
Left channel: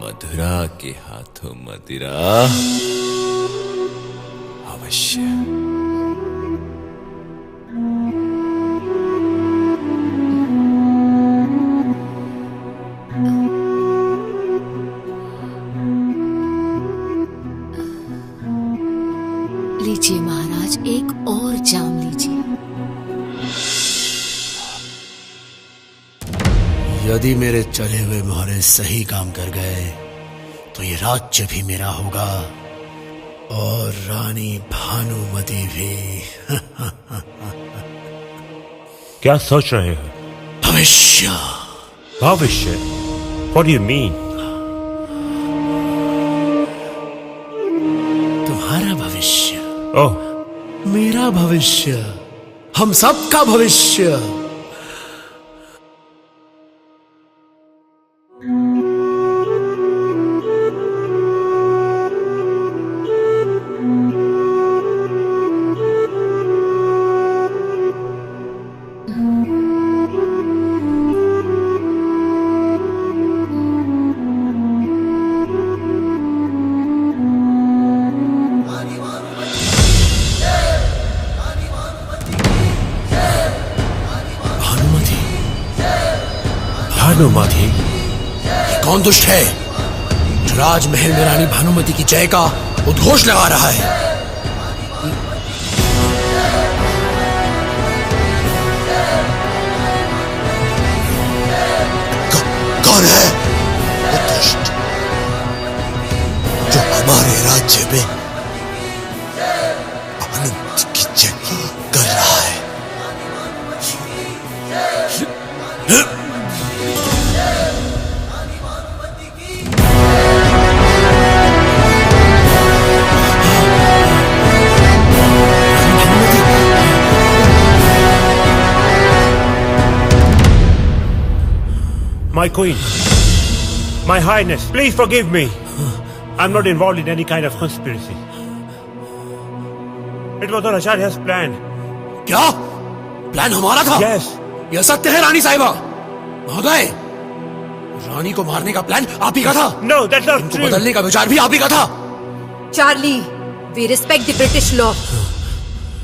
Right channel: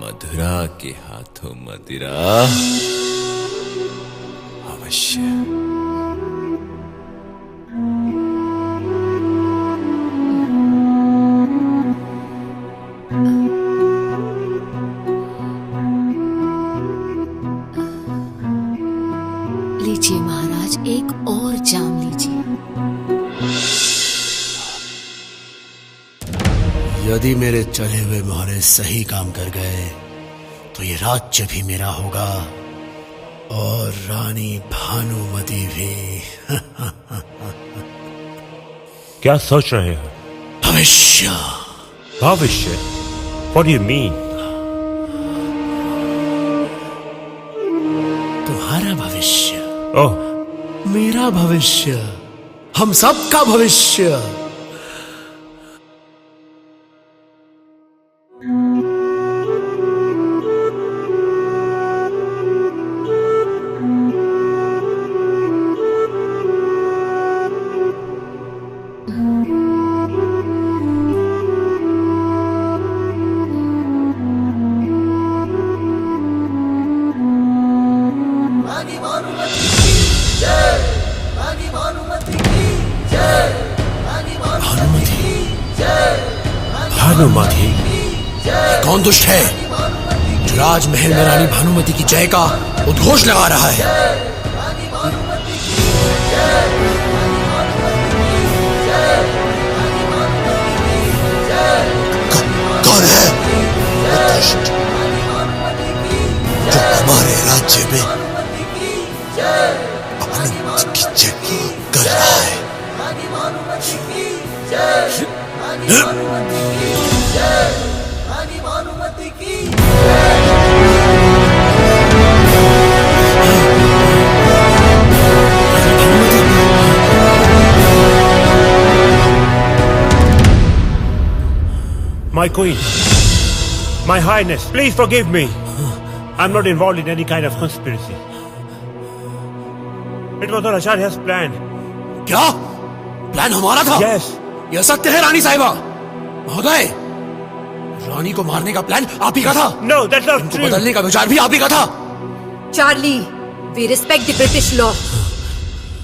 मधुरा के हाथों मदिरा अवश्य। लीजिए महाराज, एक और जाम लीजिए। यदि मेरे चले हुए मोहरे सही काम कर गए तो ये राज्य भी मेरा होगा और रानी भानुमति भी। क्या सोच रहे हो? भविष्य। भविष्य? What do you mean? तुम्हारा भविष्य। ओह, मेरा भविष्य, हम सबका भविष्य। भानुमति? कौन दुष्ट है जो राजमहल में रानी भानुमति की जय का उद्घोष लगा रहा है? कौन है वो दुष्ट जो हमारे राज्य में भानुमति की जय कर रहा है? My queen, my highness, please forgive me. I'm not involved in any kind of conspiracy. It was all Acharya's plan. क्या? प्लान हमारा था? Yes. यह सत्य है रानी साहिबा। महोदय, रानी को मारने का प्लान आप ही का था। No, that's not true. बदलने का विचार भी आप ही का था। Charlie, we respect the British law,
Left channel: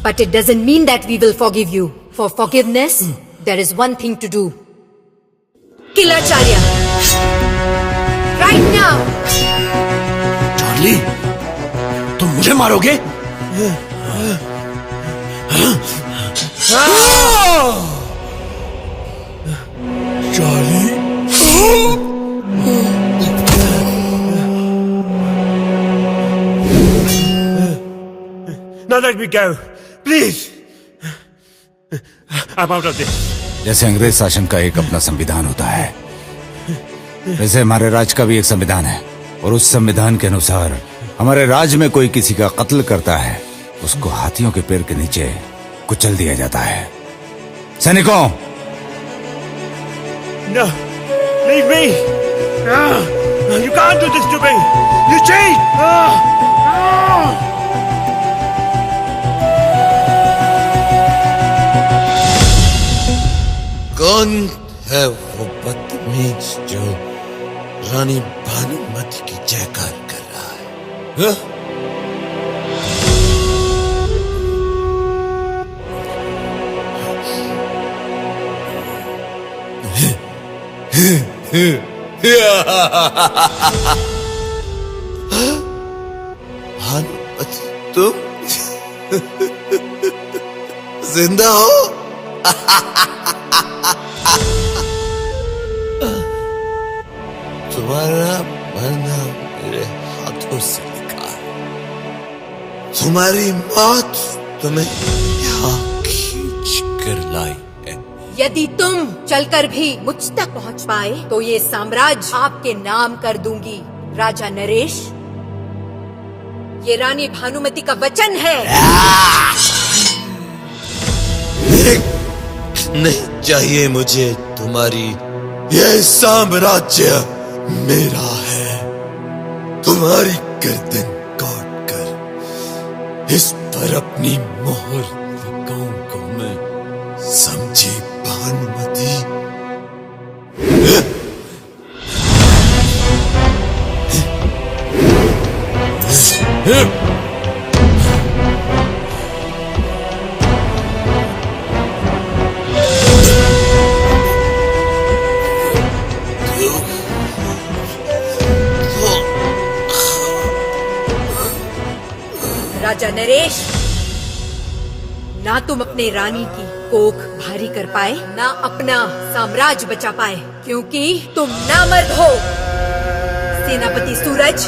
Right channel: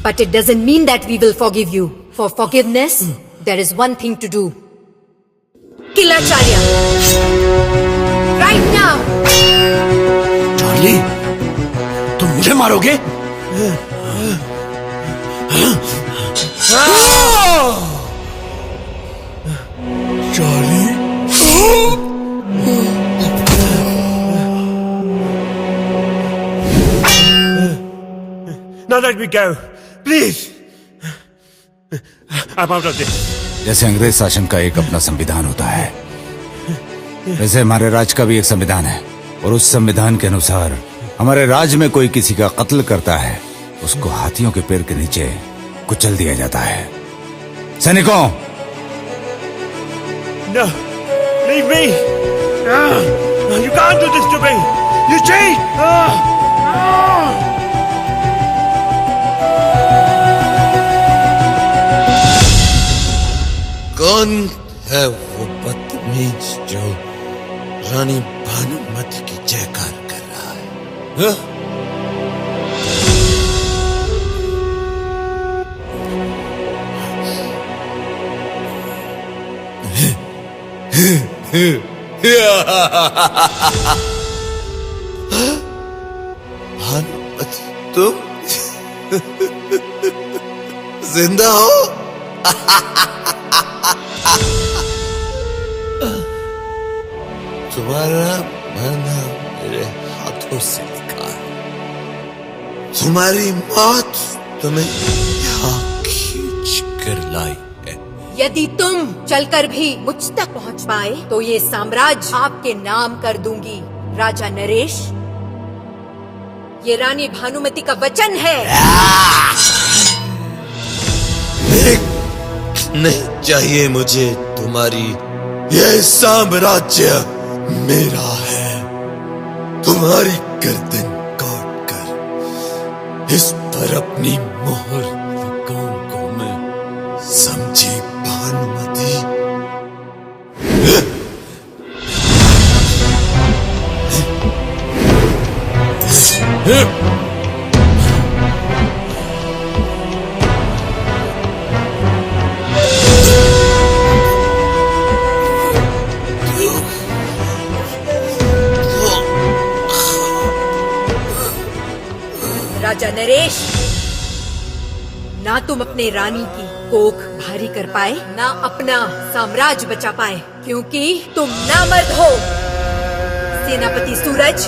but it doesn't mean that we will forgive you. For forgiveness, there is one thing to do. Kill Acharya. Right now. Charlie, तुम मुझे मारोगे? Charlie? Now let me go, please. I'm out of this. जैसे अंग्रेज शासन का एक अपना संविधान होता है, वैसे हमारे राज्य का भी एक संविधान है, और उस संविधान के अनुसार हमारे राज्य में कोई किसी का कत्ल करता है, उसको हाथियों के पैर के नीचे कुचल दिया जाता है। सैनिकों, No, leave me. You can't do this to me. You cheat. कौन है वो बदतमीज जो रानी भानुमति की जयकार कर रहा है? भानुमति तुम जिंदा हो? तुम्हारा मरना मेरे हाथों से लिखा है। तुम्हारी मौत तुम्हें यहाँ खींच कर लाई है। यदि तुम चलकर भी मुझ तक पहुंच पाए तो ये साम्राज्य आपके नाम कर दूंगी। राजा नरेश, ये रानी भानुमति का वचन है। नहीं चाहिए मुझे तुम्हारी, यह साम्राज्य मेरा है। तुम्हारी गर्दन काट कर इस पर अपनी मोहर लगाऊंगा मैं, समझे भानुमति? राजा नरेश, ना तुम अपने रानी की कोख भारी कर पाए, ना अपना साम्राज्य बचा पाए, क्योंकि तुम नामर्द हो। सेनापति सूरज,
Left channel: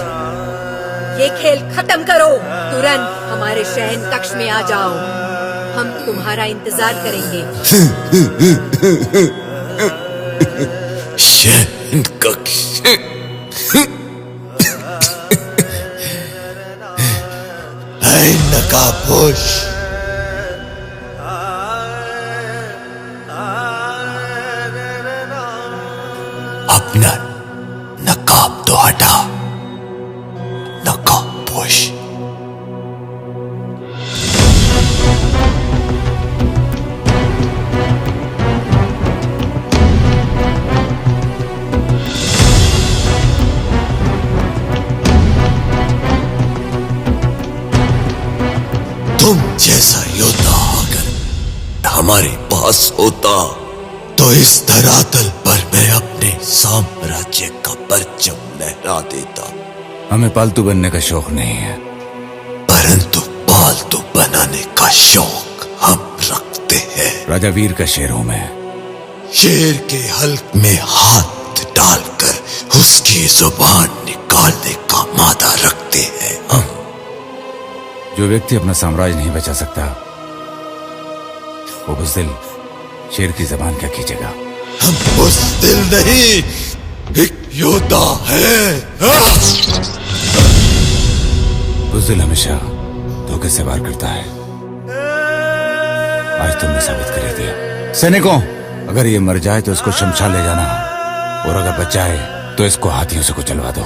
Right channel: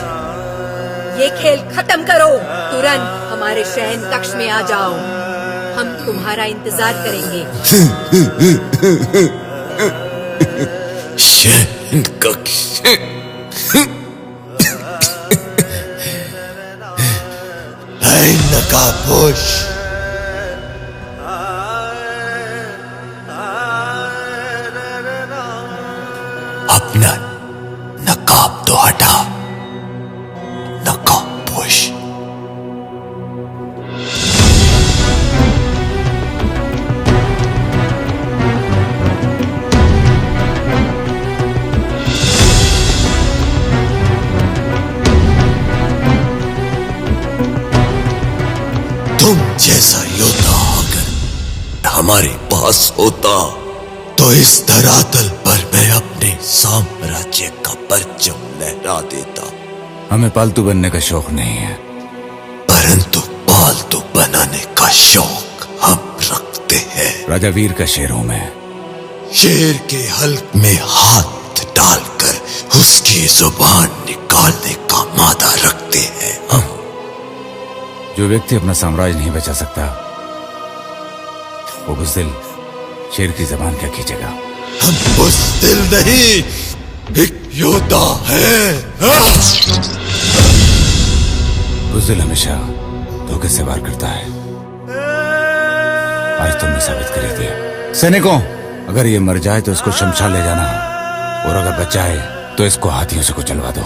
ये खेल खत्म करो। तुरंत हमारे शयन कक्ष में आ जाओ, हम तुम्हारा इंतजार करेंगे। शयन कक्ष? नकाबपोश, अपना नकाब तो हटा, नकाबपोश। तुम जैसा योद्धा अगर हमारे पास होता तो इस धरातल पर मैं अपने साम्राज्य का परचम लहरा देता। हमें पालतू बनने का शौक नहीं है, परंतु पालतू बनाने का शौक हम रखते हैं। राजा वीर का शेरों में शेर के हल्क में हाथ डालकर उसकी जुबान निकालने का मादा रखते हैं हम। जो व्यक्ति अपना साम्राज्य नहीं बचा सकता वो बुज़दिल शेर की जबान क्या खींचेगा? हम बुज़दिल नहीं, एक योद्धा है। बुज़दिल हमेशा धोखे से वार करता है, आज तुमने साबित कर दिया। सैनिकों, अगर ये मर जाए तो इसको शमशान ले जाना, और अगर बचा है तो इसको हाथियों से कुचलवा दो।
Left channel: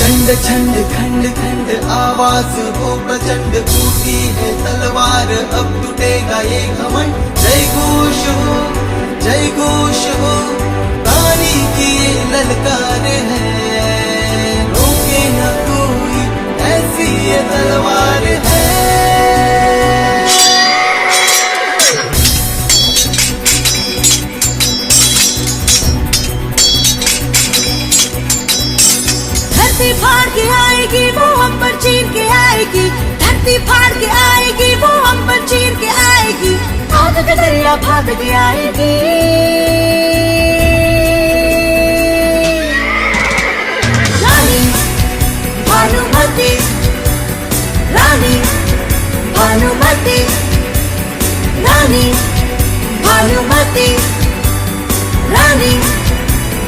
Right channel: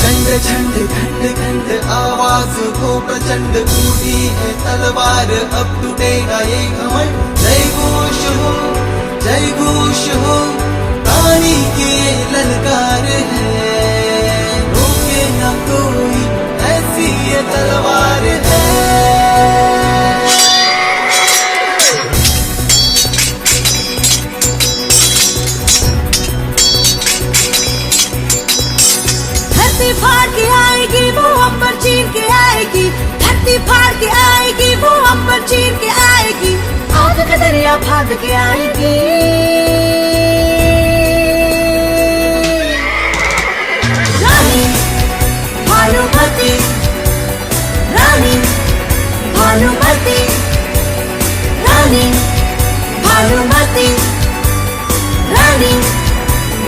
झंड झंड खंड खंड आवाज हो प्रचंड, टूटी है तलवार अब टूटेगा ये घमंड। जय घोष हो जय घोष हो, रानी की ये ललकार है, रोके न कोई ऐसी ये तलवार है। धरती फाड़ के आएगी वो अंबर चीर के आएगी, धरती फाड़ के आएगी वो अंबर चीर के आएगी, आग का दरिया फाड़ के आएगी। रानी भानुमति, रानी भानुमति, रानी भानुमति, रानी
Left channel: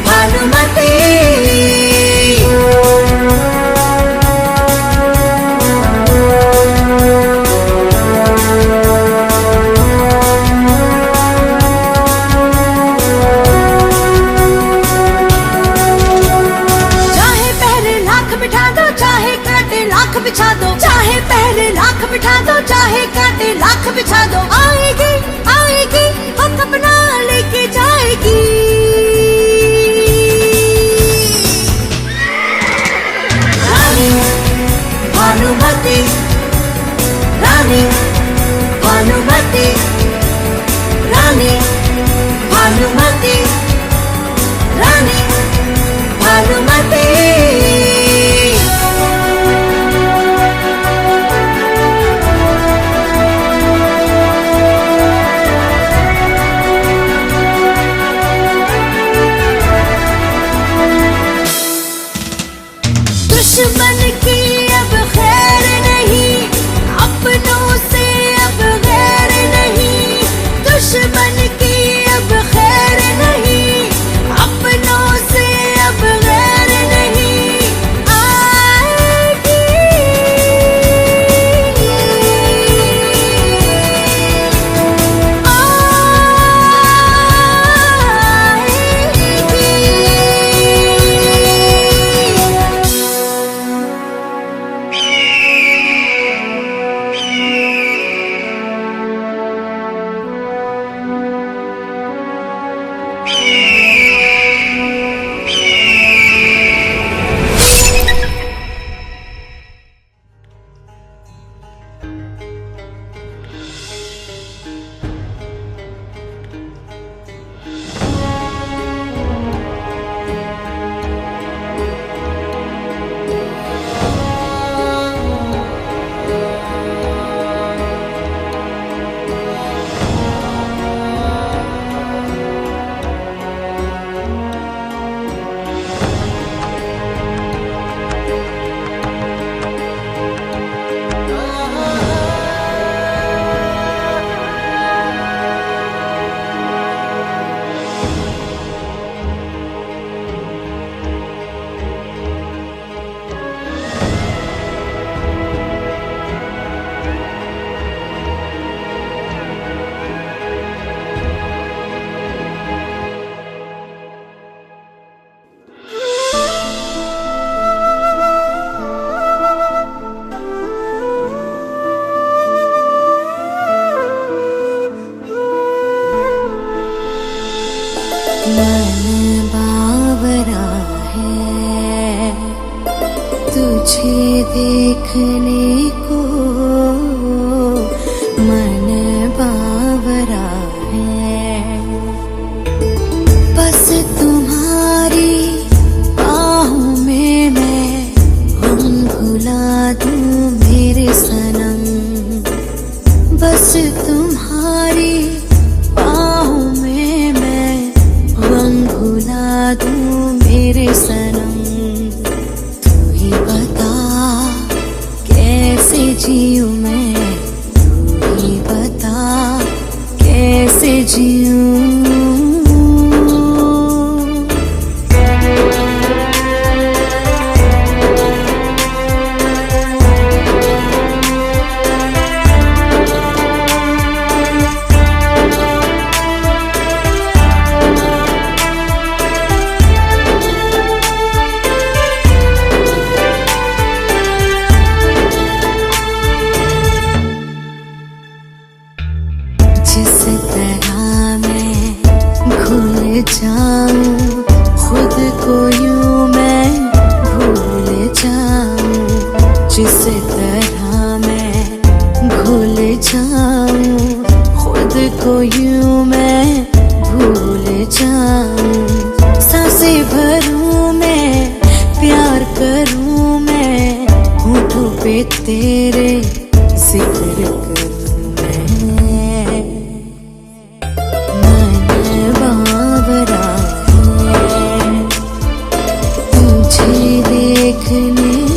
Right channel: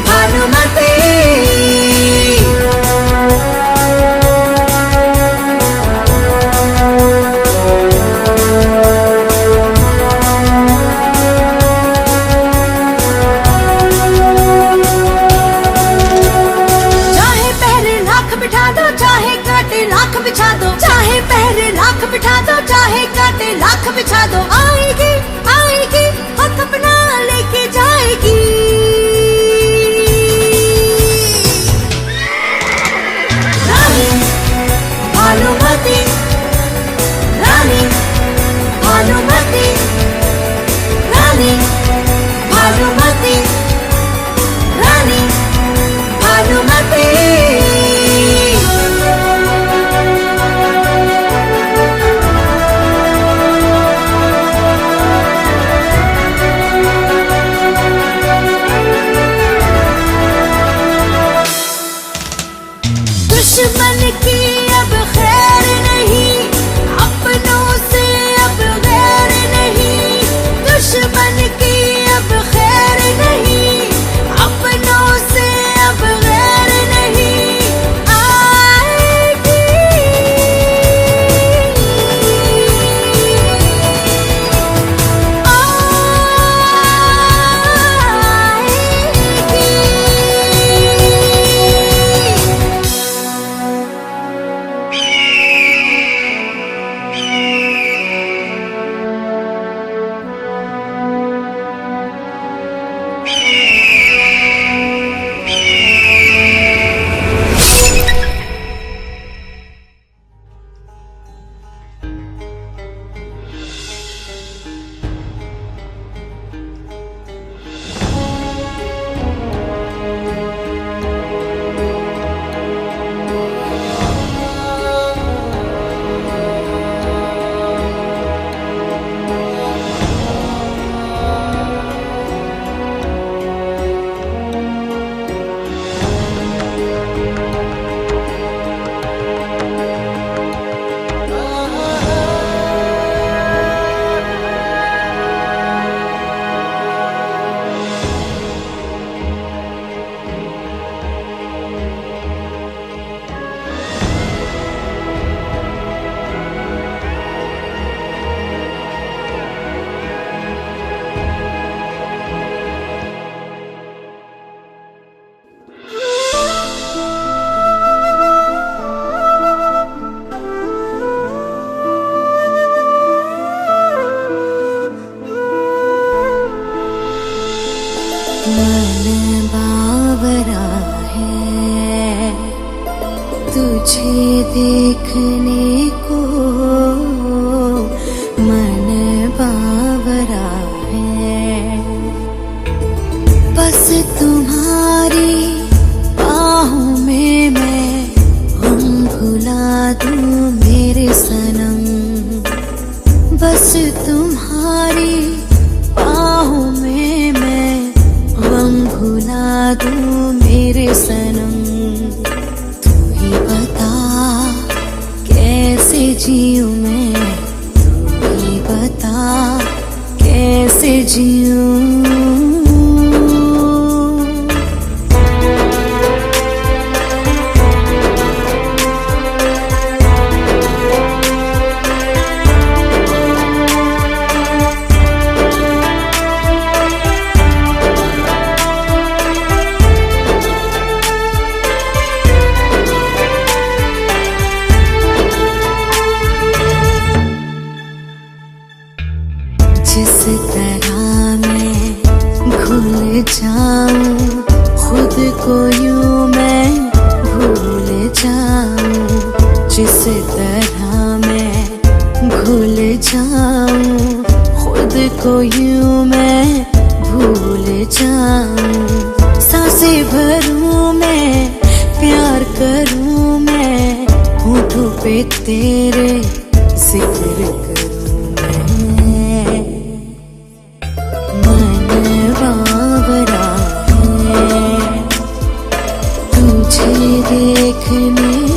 भानुमति। बिछा दो, चाहे पहरे लाख बिठा दो, चाहे कांटे लाख बिछा दो, आएगी आएगी हक अपना लेके जाएगी। रानी भानुमति, रानी भानुमति, रानी भानुमति, रानी भानुमति। दुश्मन की अब खैर नहीं, अपनों से अब गैर नहीं, दुश्मन की अब खैर नहीं, अपनों से अब गैर नहीं, आएगी मन बावरा है तुझे देखने को, मन बावरा है बस तुम्हारी बाहों में मैं गम भुला दूं मेरे सनम, बस तुम्हारी बाहों में मैं गम भुला दूं मेरे सनम। तू ही बता कैसे जीऊं मैं, तू ही बता कैसे जीऊं। जिस तरह मैं जिस तरह मैं भूल जाऊं खुद को यूं मैं भूल जाऊं। सांसें भरूं मैं प्यार करूं मैं होठों पे तेरे जिक्र करूं मैं। मन बावरा है तुझे देखने